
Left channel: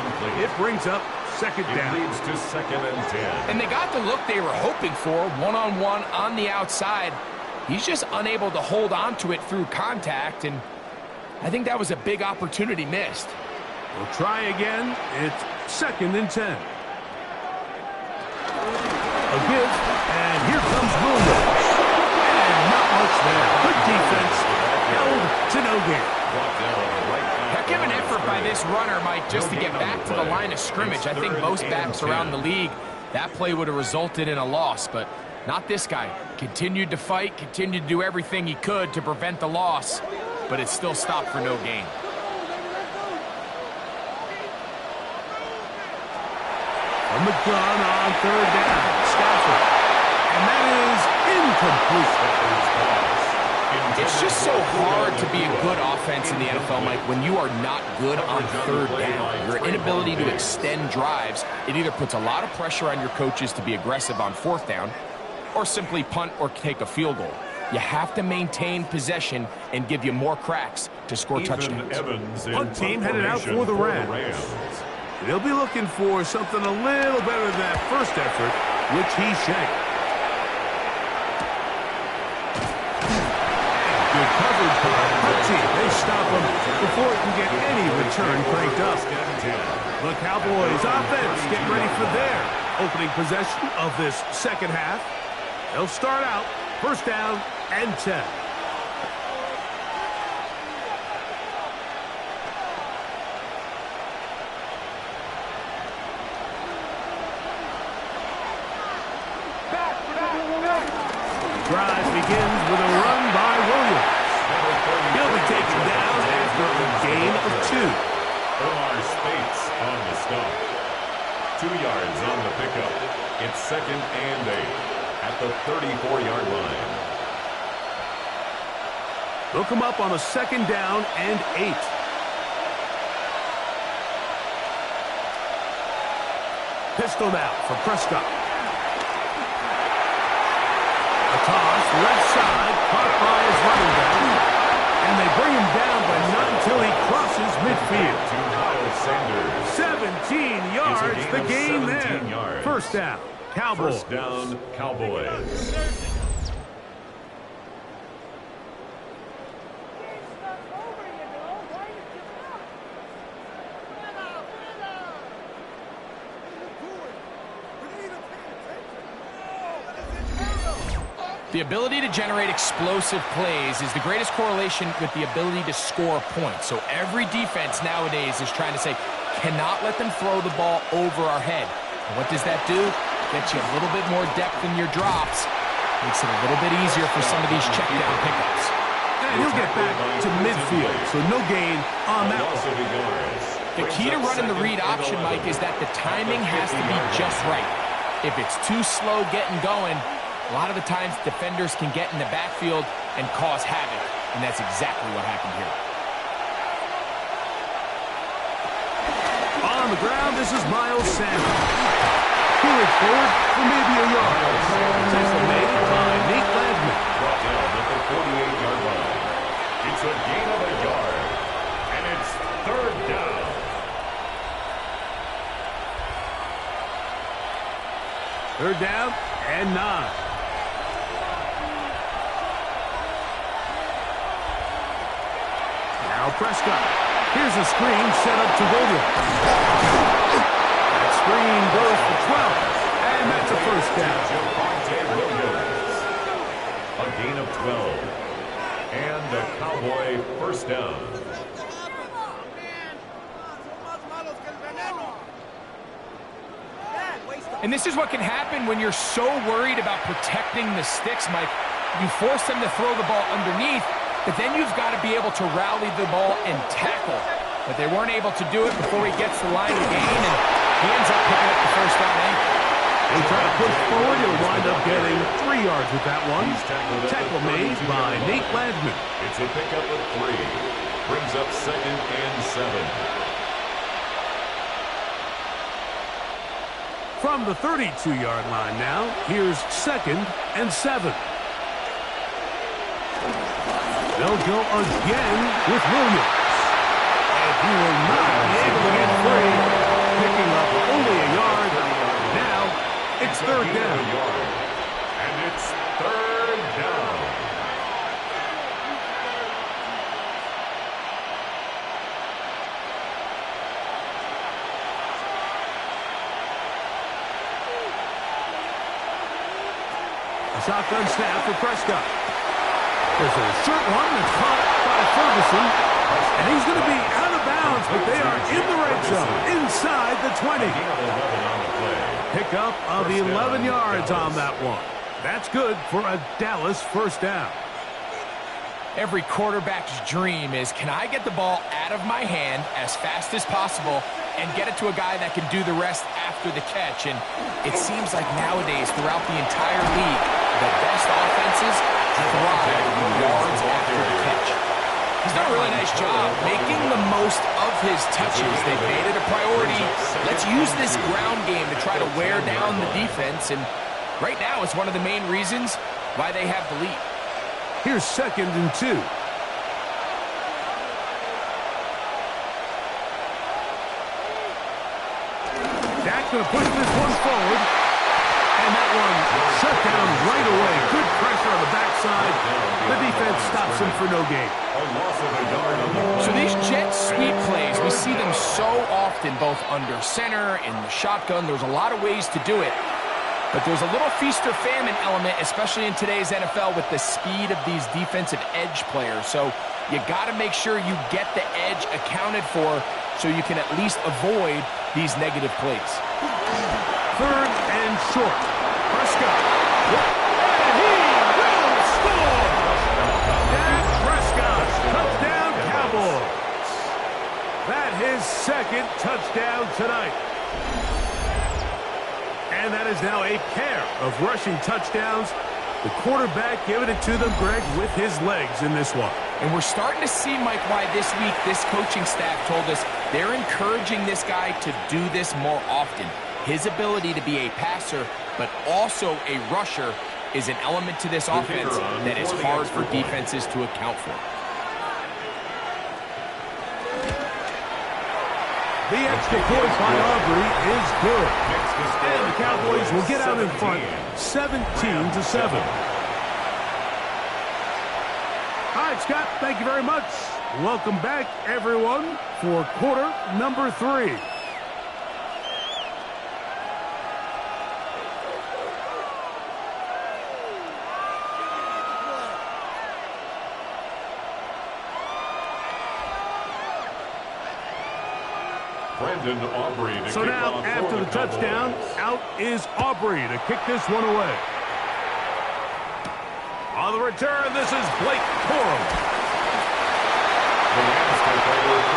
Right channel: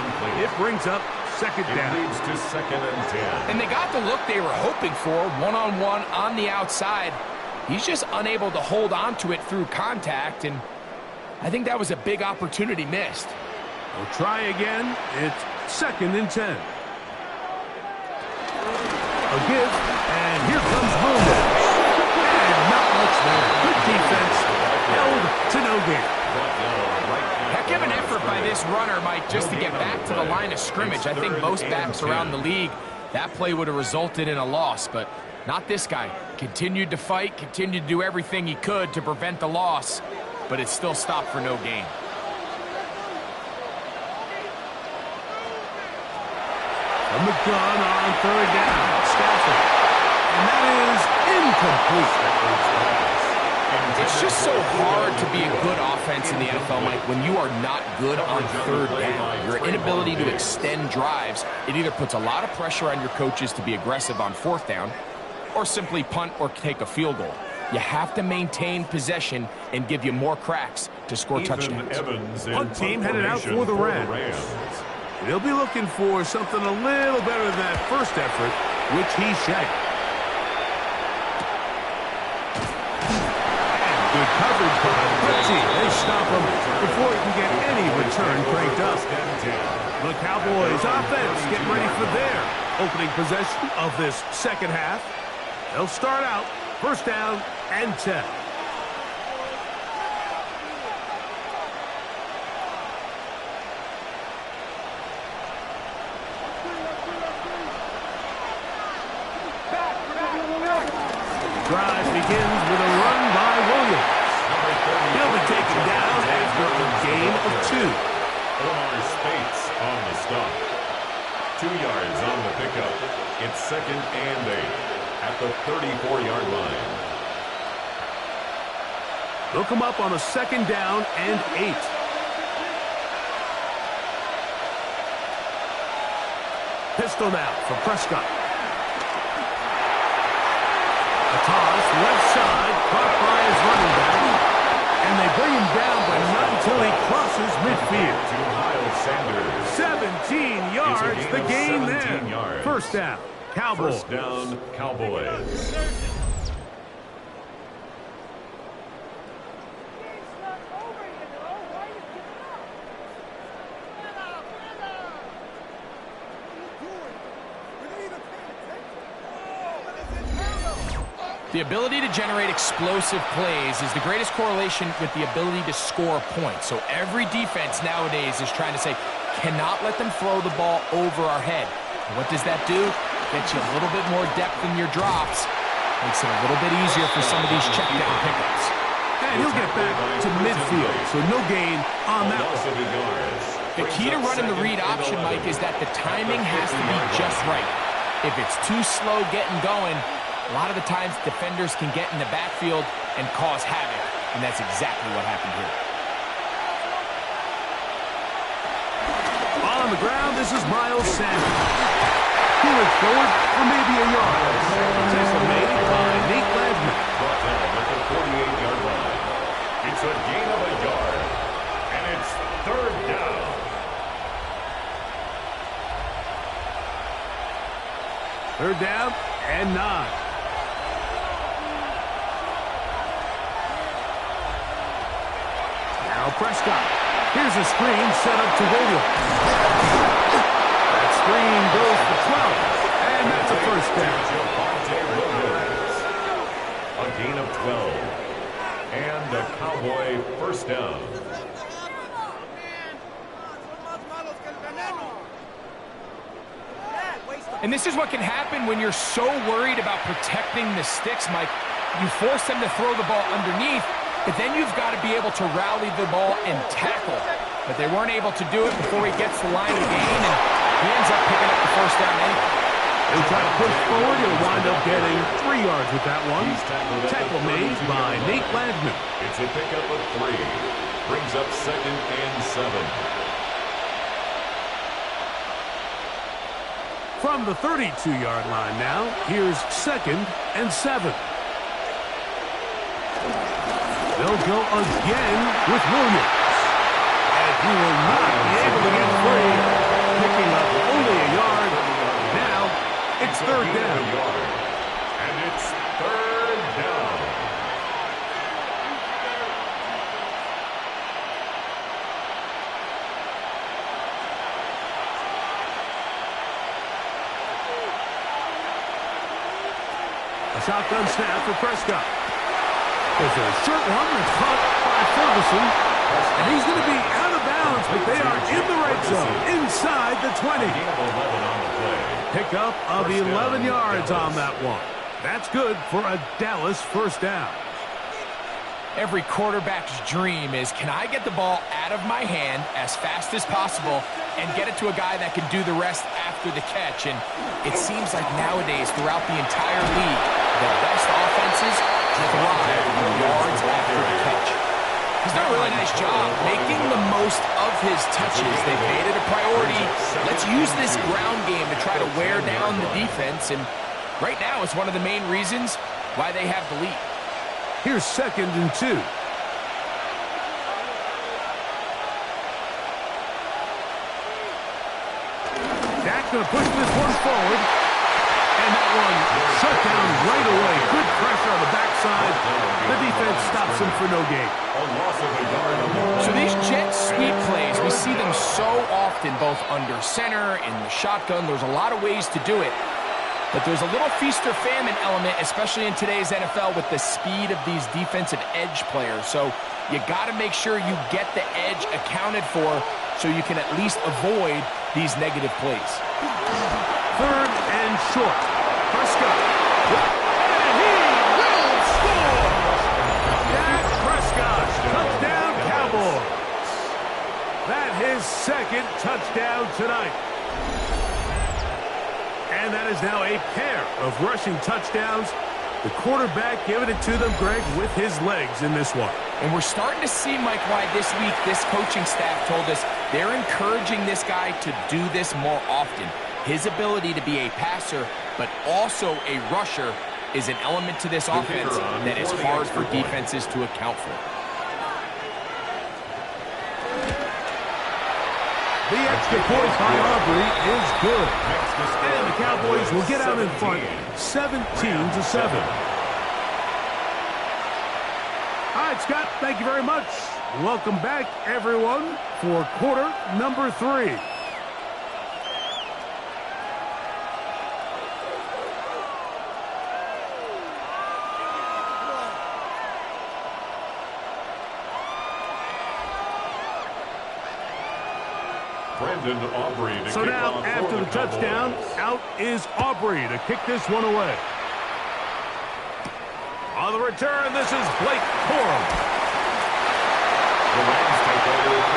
It brings up 2nd down. It leads to 2nd and 10. And they got the look they were hoping for, one-on-one on the outside. He's just unable to hold on to it through contact, and I think that was a big opportunity missed. We'll try again. It's 2nd and 10. A give, and here comes Williams. And not much there. Good defense. Held to no gain. Heck of an effort by this runner, Mike, just to get back to the line of scrimmage. I think most backs around the league, that play would have resulted in a loss, but not this guy. Continued to fight, continued to do everything he could to prevent the loss, but it still stopped for no gain. From the gun on 3rd down, Stafford. And that is incomplete. It's just so hard to be a good offense in the NFL, Mike, when you are not good on 3rd down. Your inability to extend drives, it either puts a lot of pressure on your coaches to be aggressive on 4th down, or simply punt or take a field goal. You have to maintain possession and give you more cracks to score touchdowns. Punt team headed out for the Rams. They'll be looking for something a little better than that first effort, which he shanked. And good coverage by the punt team. They stop him before he can get any return cranked up. The Cowboys offense getting ready for their opening possession of this 2nd half. They'll start out 1st down and 10. Drive begins with a run by Williams. He'll be taken down after a gain of 2. Omar Spates on the stop. 2 yards on the pickup. It's 2nd and 8 at the 34-yard line. They'll come up on a 2nd down and 8. Pistol now for Prescott. A toss, left side, caught by his running back. And they bring him down, but not until he crosses midfield. To Miles Sanders. 17 yards, the gain there. 17 yards. 1st down, Cowboys. 1st down, Cowboys. The ability to generate explosive plays is the greatest correlation with the ability to score points. So every defense nowadays is trying to say, cannot let them throw the ball over our head. And what does that do? Gets you a little bit more depth in your drops. Makes it a little bit easier for some of these check down pickups. And he'll get back to midfield, so no gain on that one. The key to running the read option, Mike, is that the timing has to be just right. If it's too slow getting going, a lot of the times defenders can get in the backfield and cause havoc, and that's exactly what happened here. On the ground, this is Miles Sanders. He looks forward for maybe a yard. Tackle made by Nate Landman. Brought down at the 48-yard line. It's a gain of a yard, and it's 3rd down. Third down and 9. Now Prescott. Here's a screen set up to Williams. That screen goes for 12. And that's a 1st down. A gain of 12. And a Cowboy 1st down. And this is what can happen when you're so worried about protecting the sticks, Mike. You force them to throw the ball underneath, but then you've got to be able to rally the ball and tackle. But they weren't able to do it before he gets the line of gain, and he ends up picking up the 1st down anyway. He'll try to push forward. He'll wind up getting 3 yards with that one. Tackle made by Nate Landman. It's a pickup of 3. Brings up 2nd and 7. From the 32-yard line now, here's 2nd and 7. They'll go again with Williams. And he will not be able to get free. Picking up only a yard. Now, it's 3rd down. And it's 3rd down. shotgun snap for Prescott. There's a short one that's caught by Ferguson. And he's going to be out of bounds, but they are in the red zone, inside the 20. Pickup of 11 yards on that one. That's good for a Dallas first down. Every quarterback's dream is, can I get the ball out of my hand as fast as possible and get it to a guy that can do the rest after the catch? And it seems like nowadays, throughout the entire league, the best offenses thrive yards after the catch. He's done a really nice job making the most of his touches. They've made it a priority. Let's use this ground game to try to wear down the defense. And right now, it's one of the main reasons why they have the lead. Here's 2nd and 2. Dak's going to push this one forward. And that one shut down right away. Good pressure on the backside. The defense stops him for no gain. So these jet sweep plays, we see them so often, both under center, in the shotgun. There's a lot of ways to do it. But there's a little feast or famine element, especially in today's NFL, with the speed of these defensive edge players. So you got to make sure you get the edge accounted for so you can at least avoid these negative plays. 3rd and short. Prescott. And he will score! Dak Prescott. Touchdown, Cowboys. That his 2nd touchdown tonight. And that is now a pair of rushing touchdowns. The quarterback giving it to them, Greg, with his legs in this one. And we're starting to see, Mike, why this week this coaching staff told us they're encouraging this guy to do this more often. His ability to be a passer, but also a rusher, is an element to this offense that is hard for defenses to account for. The extra point by Aubrey is good. And the Cowboys will get out in front 17-7. All right, Scott, thank you very much. Welcome back, everyone, for quarter number 3. So now, after the touchdown, out is Aubrey to kick this one away. On the return, this is Blake Corum.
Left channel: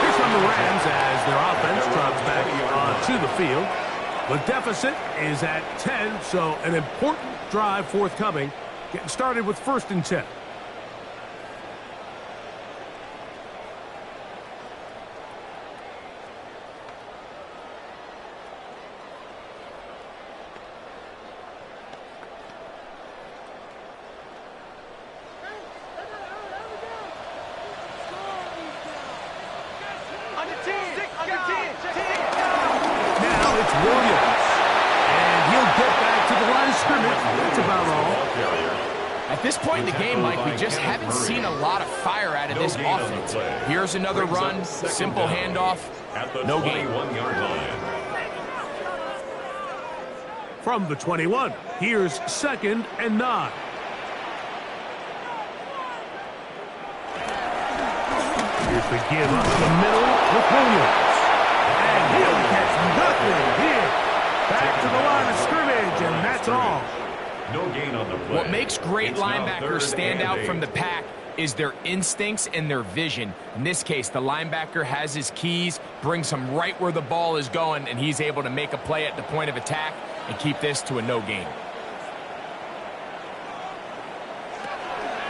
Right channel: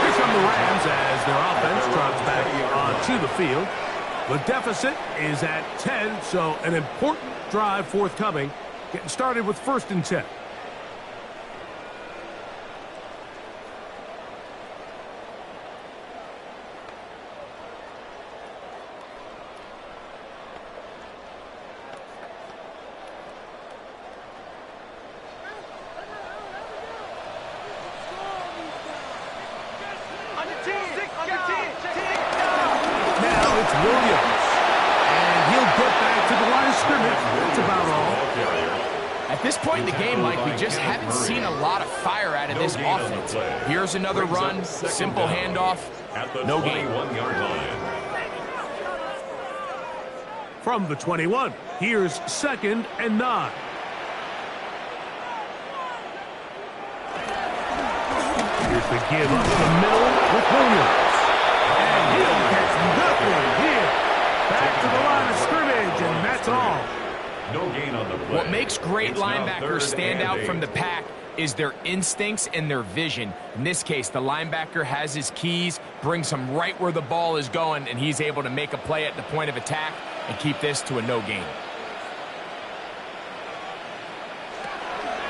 Here come the Rams as their offense trots back onto the field. The deficit is at 10, so an important drive forthcoming. Getting started with 1st and 10. Now it's Williams. And he'll get back to the line of scrimmage. That's about all. At this point in the game, Mike, we just haven't seen a lot of fire out of this offense. Here's another run, simple handoff, no gain. From the 21, here's 2nd and 9. Here's the give up the middle with Williams. And he'll get nothing here. Back to the line of scrimmage, and that's all. No gain on the play. What makes great linebackers stand out from the pack is their instincts and their vision. In this case, the linebacker has his keys, brings him right where the ball is going, and he's able to make a play at the point of attack and keep this to a no gain.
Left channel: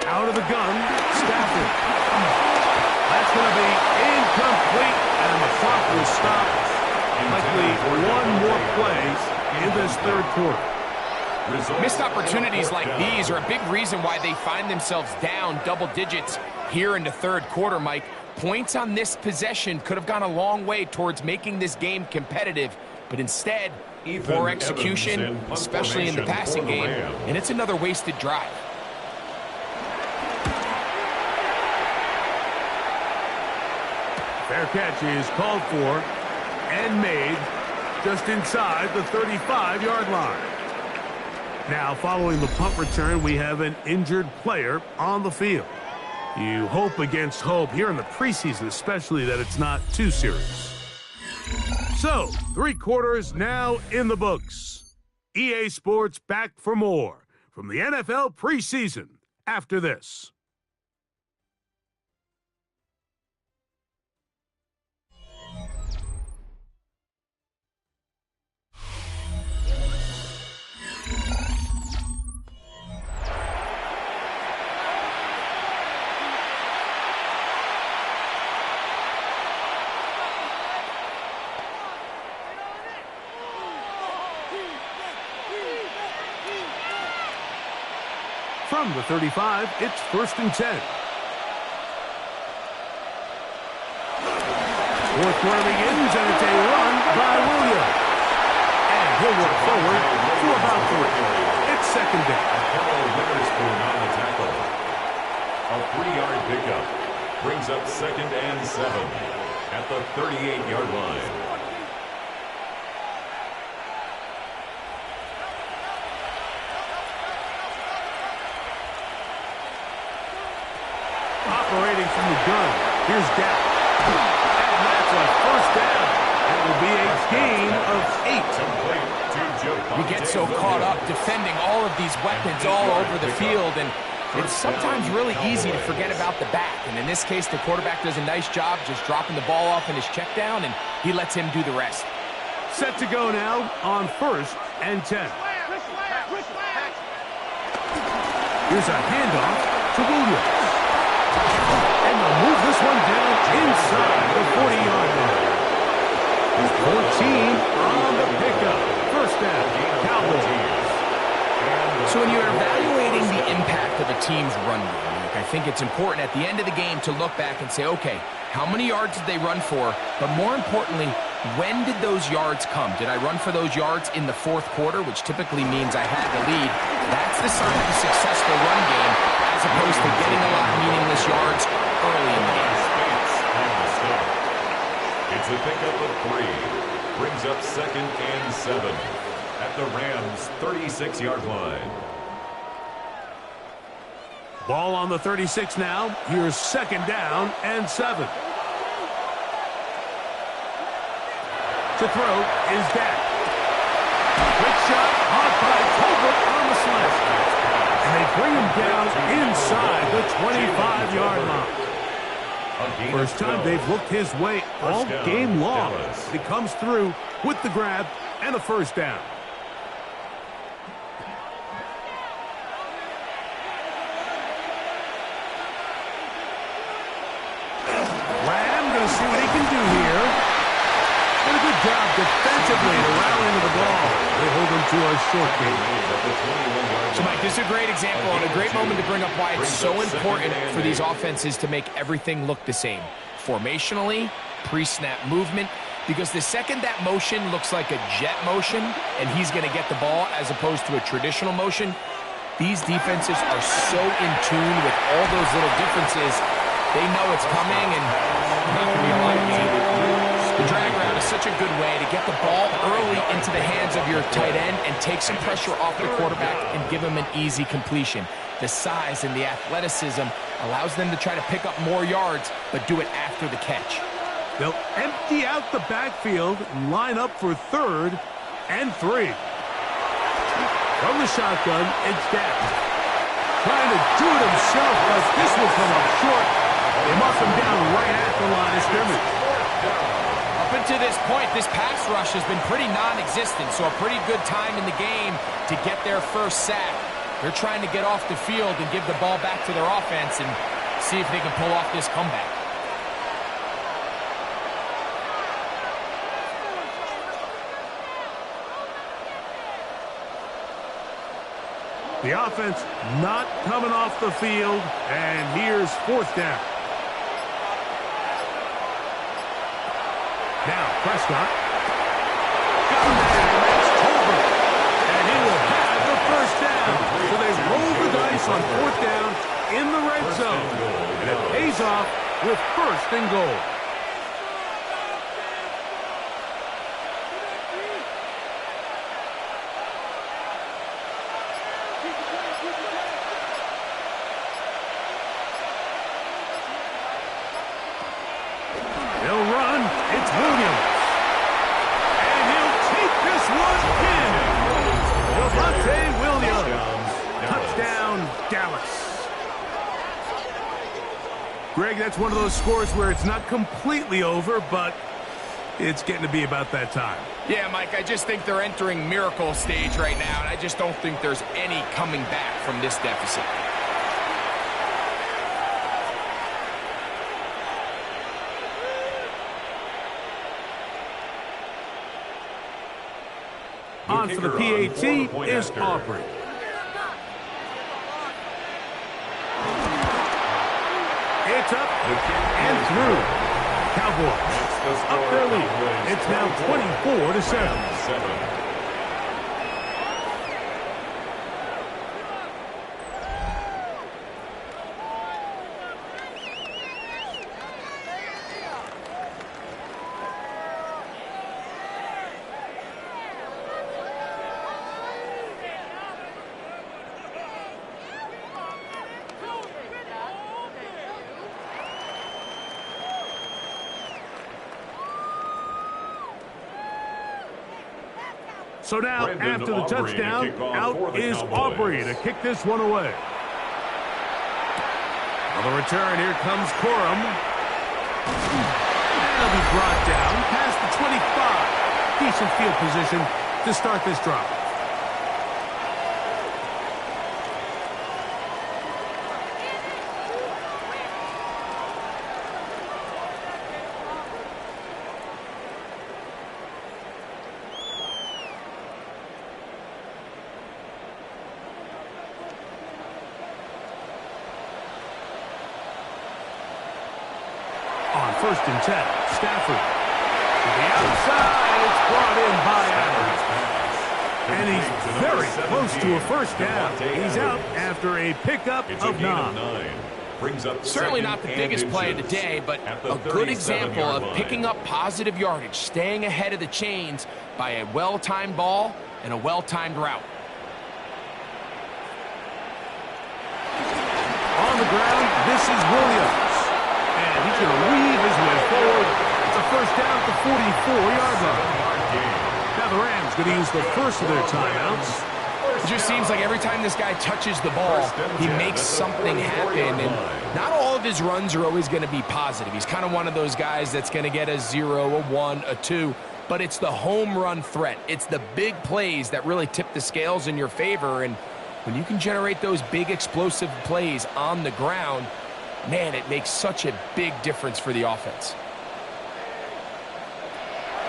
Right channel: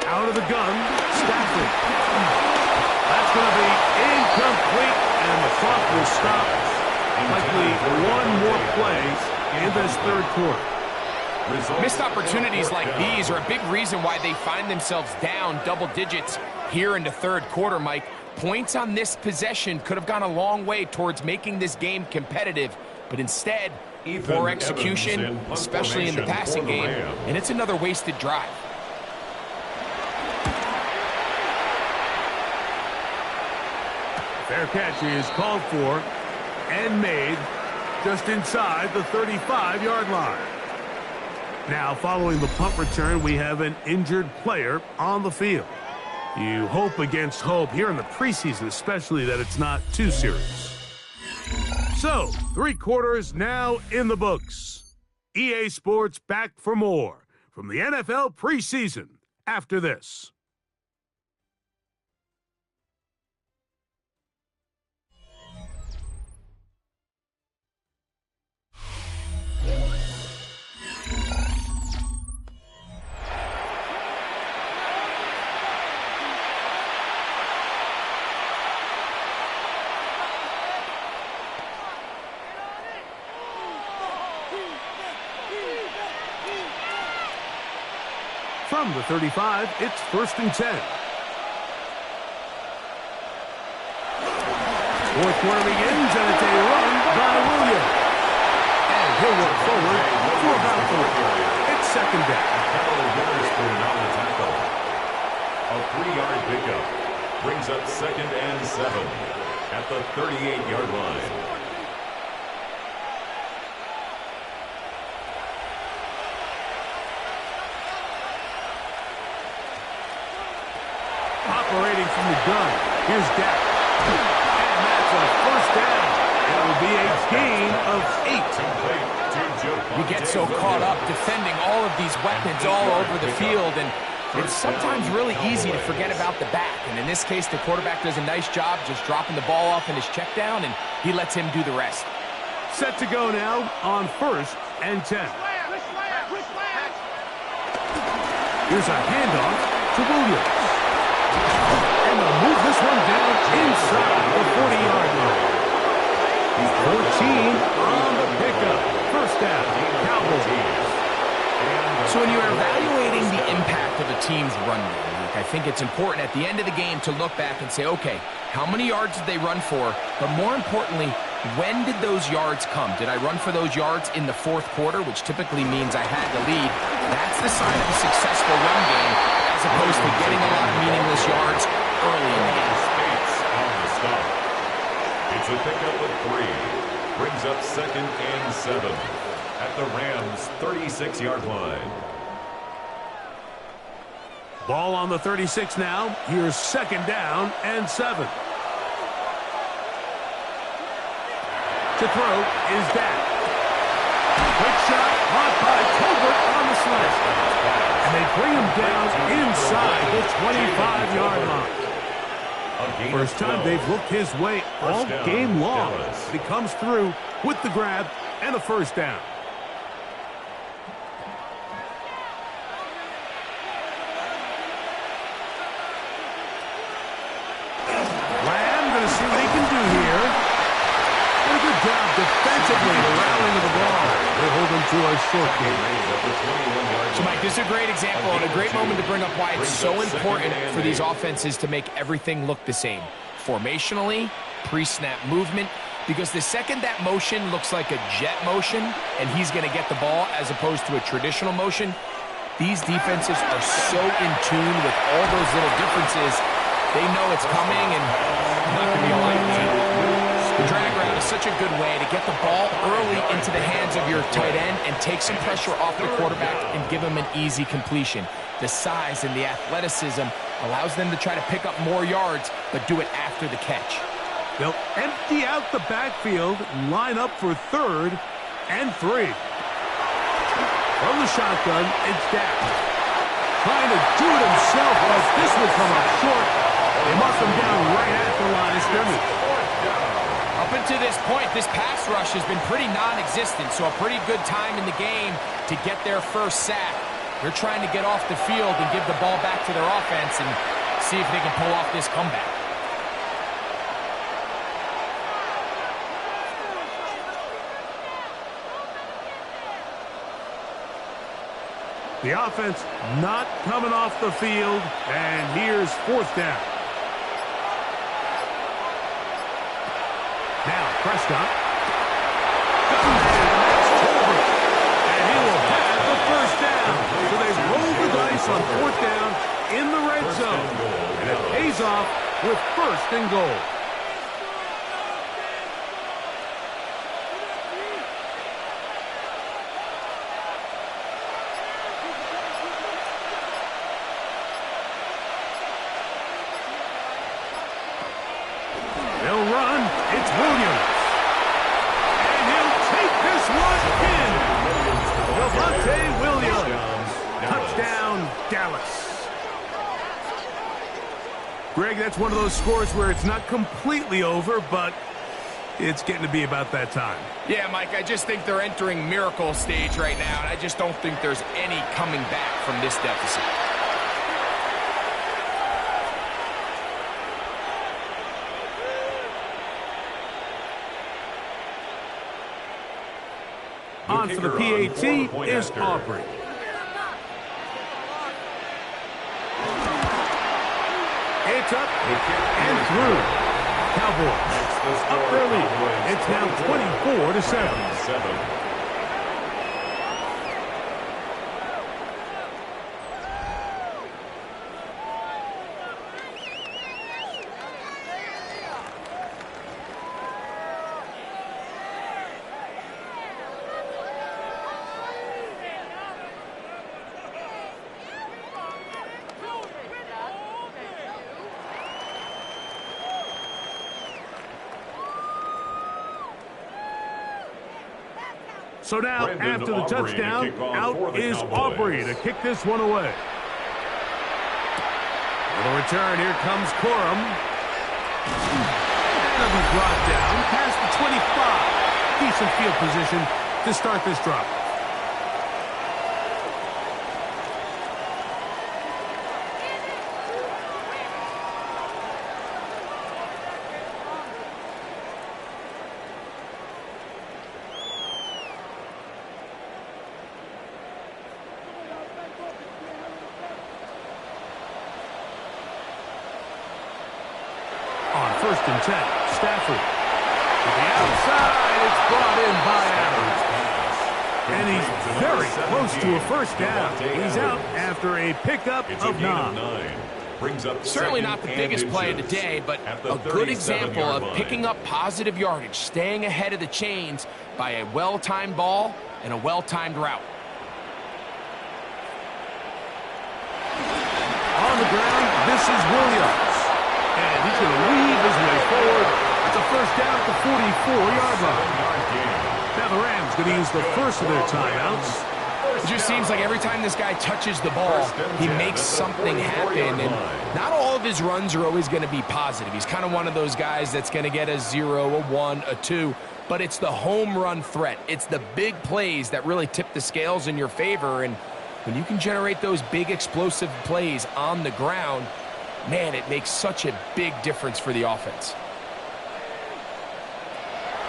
Out of the gun, Stafford. That's going to be incomplete, and the clock will stop. Likely one more play in this 3rd quarter. Missed opportunities like these are a big reason why they find themselves down double digits here in the 3rd quarter, Mike. Points on this possession could have gone a long way towards making this game competitive, but instead, poor execution, especially in the passing game, and it's another wasted drive. Fair catch is called for and made just inside the 35-yard line. Now, following the punt return, we have an injured player on the field. You hope against hope here in the preseason, especially that it's not too serious. So, 3 quarters now in the books. EA Sports back for more from the NFL preseason after this. From the 35, it's 1st and 10. Fourth quarter begins, and it's a run by Williams. And he'll work forward for about 3. It's 2nd down. Hello, Witherspoon on the tackle. A 3-yard pickup brings up 2nd and 7 at the 38-yard line. Operating from the gun, here's Dak. And that's a 1st down. It will be a gain of 8. You get so caught up defending all of these weapons all over the field, and it's sometimes really easy to forget about the back. And in this case, the quarterback does a nice job just dropping the ball off in his check down, and he lets him do the rest. Set to go now on 1st and 10. Here's a handoff to Williams. And they'll move this one down inside the 40-yard line. 14 on the pickup. 1st down, Cowboys. So when you're evaluating the impact of a team's run game, I think it's important at the end of the game to look back and say, okay, how many yards did they run for? But more importantly, when did those yards come? Did I run for those yards in the 4th quarter, which typically means I had the lead? That's the sign of a successful run game, as opposed to getting a lot of meaningless yards early in the game. It's a pickup of 3. Brings up 2nd and 7 at the Rams' 36-yard line. Ball on the 36 now. Here's 2nd down and 7. To throw is Dak. Quick shot, caught by Tolbert on the slant. And they bring him down inside the 25-yard line. First time they've looked his way all game long. He comes through with the grab and a 1st down. Lamb going to see what he can do here. And a good job defensively to rally to the ball. They hold him to a short game. So, Mike, this is a great example and a great moment to bring up why it's so important for these offenses to make everything look the same. Formationally, pre-snap movement, because the second that motion looks like a jet motion and he's going to get the ball as opposed to a traditional motion, these defenses are so in tune with all those little differences. They know it's coming and not going to be a lot of game. The drag route is such a good way to get the ball early into the hands of your tight end and take some pressure off the quarterback and give him an easy completion. The size and the athleticism allows them to try to pick up more yards, but do it after the catch. They'll empty out the backfield and line up for 3rd and 3. From the shotgun, it's Dak. Trying to do it himself, but this will come up short. They mark him down right at the line of scrimmage. Up until this point, this pass rush has been pretty non-existent, so a pretty good time in the game to get their 1st sack. They're trying to get off the field and give the ball back to their offense and see if they can pull off this comeback. The offense not coming off the field, and here's 4th down. Now, Prescott. Got him there, and that's Tolbert. And he will have the 1st down. So they roll the dice on 4th down in the red zone. And it pays off with 1st and goal. Javonte Williams. Touchdown, Dallas. Greg, that's one of those scores where it's not completely over, but it's getting to be about that time. Yeah, Mike, I just think they're entering miracle stage right now, and I just don't think there's any coming back from this deficit. On for the PAT is Aubrey. It's up and through. Cowboys up their lead. It's now 24-7. So now, after the touchdown, out is Aubrey to kick this one away. On the return, here comes Corum. And he'll be brought down past the 25. Decent field position to start this drive. On 1st and 10, Stafford. To the outside, it's brought in by Adams. And he's very close to a first down. He's out after a pickup of 9. Certainly not the biggest play of the day, but a good example of picking up positive yardage, staying ahead of the chains by a well-timed ball and a well-timed route. On the ground, this is Williams. And he's going to weave his way forward. It's a first down at the 44-yard line. Now the Rams going to use the first of their timeouts. It just seems like every time this guy touches the ball, he makes something happen. And not all of his runs are always going to be positive. He's kind of one of those guys that's going to get a 0, a 1, a 2. But it's the home run threat. It's the big plays that really tip the scales in your favor. And when you can generate those big explosive plays on the ground, man, it makes such a big difference for the offense.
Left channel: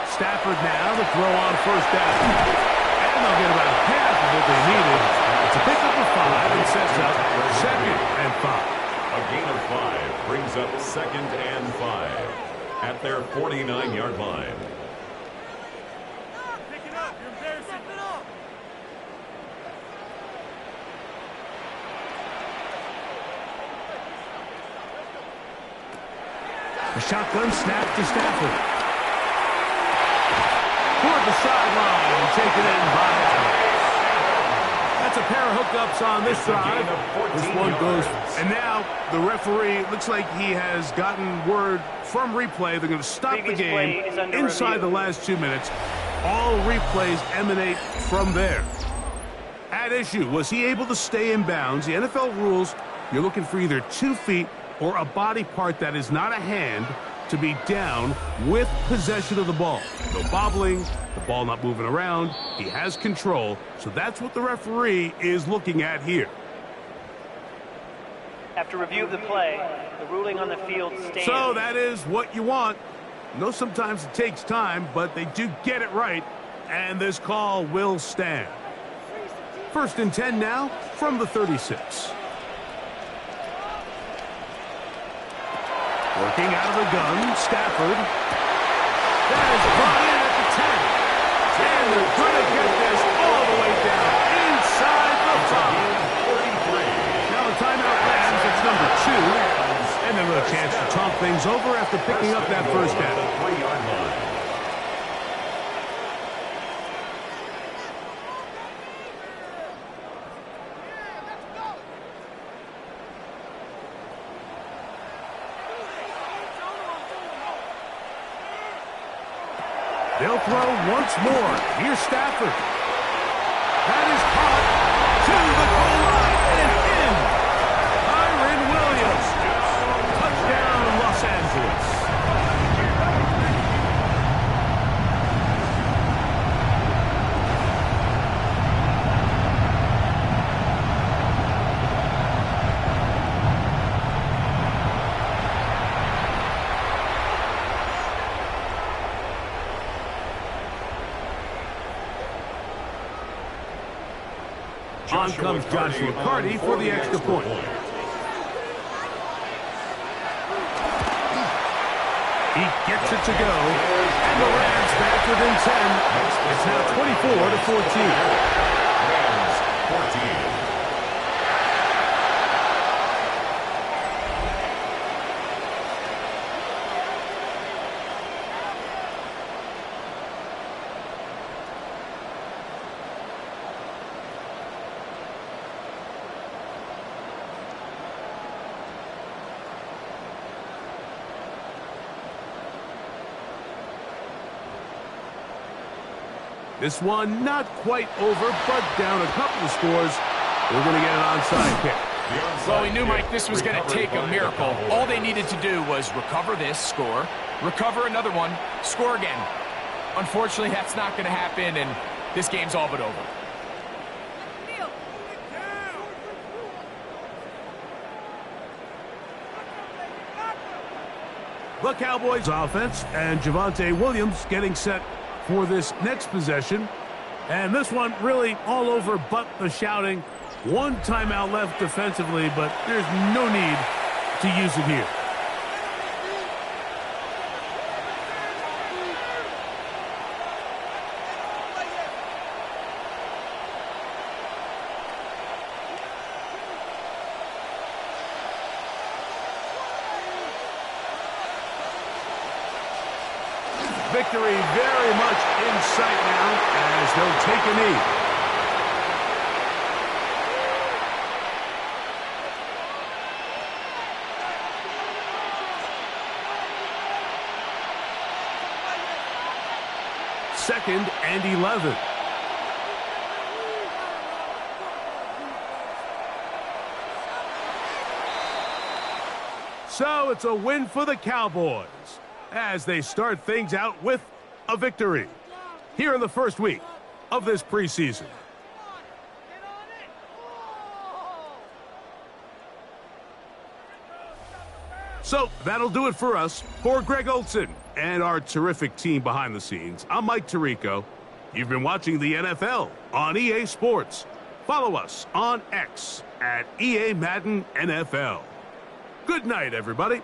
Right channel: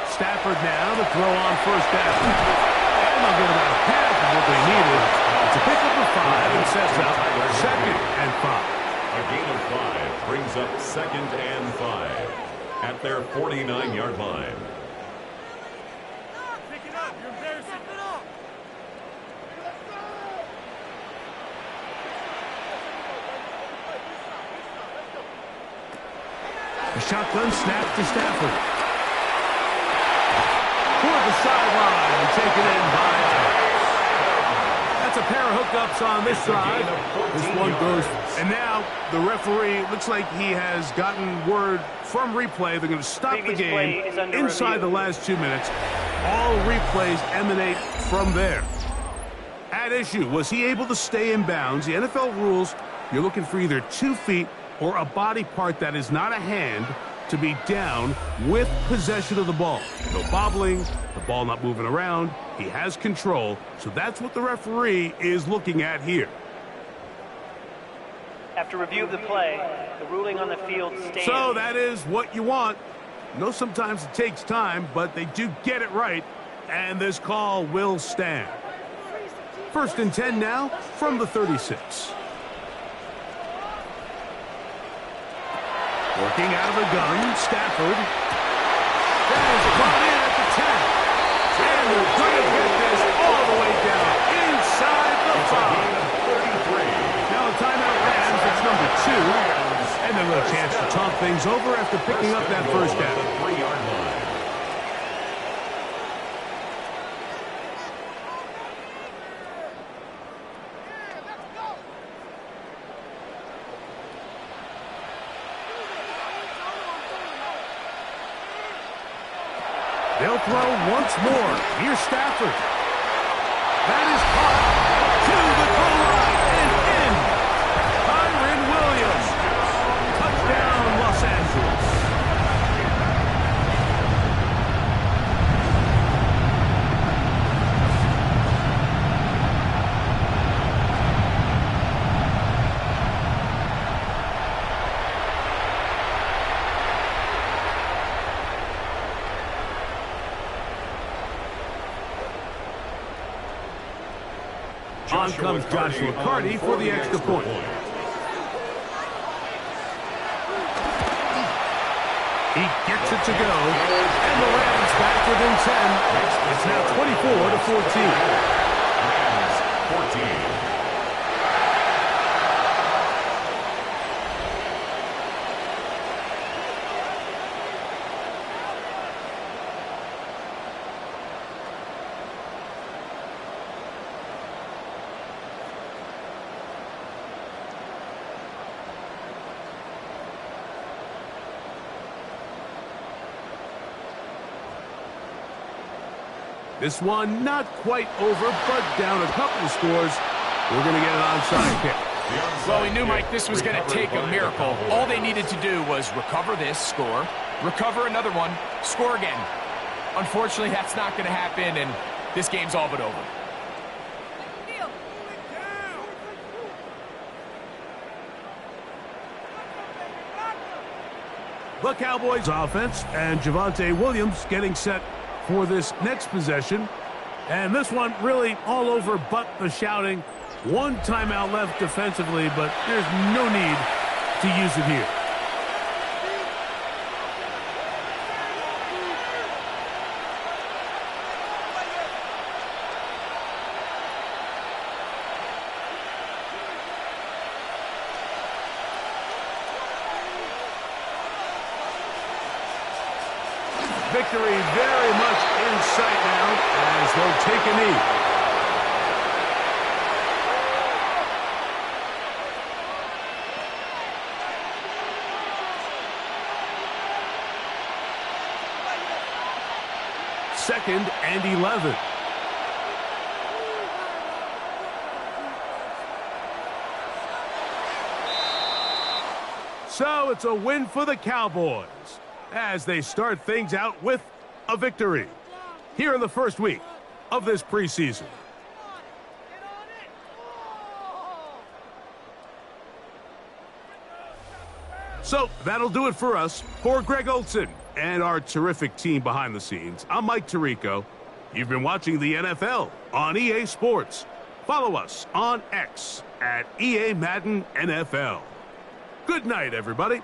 Stafford now to throw on first down. And they'll get about half of what they needed. It's a pickup of 5 and sets up 2nd and 5. A gain of 5 brings up 2nd and 5 at their 49-yard line. Pick it up. You're embarrassing. A shotgun snap to Stafford. Toward the sideline and taken in by Adams. That's a pair of hookups on this drive. This one goes. And now the referee looks like he has gotten word from replay. They're going to stop the game inside the last 2 minutes. All replays emanate from there. At issue, was he able to stay in bounds? The NFL rules, you're looking for either 2 feet or a body part that is not a hand to be down with possession of the ball. No bobbling, the ball not moving around. He has control, so that's what the referee is looking at here. After review of the play, the ruling on the field stands. So that is what you want. I know sometimes it takes time, but they do get it right, and this call will stand. 1st and 10 now from the 36. Working out of the gun, Stafford. That is brought in at the 10. And they're going to get this all the way down inside the 5. Now a timeout Rams, it's number 2. And then a chance to talk things over after picking up that first down. They'll throw once more. Here's Stafford. That is caught to the goal line and in. Kyron Williams. Touchdown, Los Angeles. On comes Joshua Carty for the extra point. He gets it to go, and the Rams back within 10. It's now 24-14. Rams 14. This one not quite over, but down a couple of scores. We're going to get an onside kick. Well, we knew, Mike, this was going to take a miracle. All they needed to do was recover this, score, recover another one, score again. Unfortunately, that's not going to happen, and this game's all but over. The Cowboys offense and Javonte Williams getting set for this next possession. And this one really all over but the shouting. One timeout left defensively, but there's no need to use it here. Victory very much in sight now as they'll take a knee. Second and 11. So it's a win for the Cowboys as they start things out with a victory here in the first week of this preseason. So that'll do it for us. For Greg Olson and our terrific team behind the scenes, I'm Mike Tirico. You've been watching the NFL on EA Sports. Follow us on X at EA Madden NFL. Good night, everybody.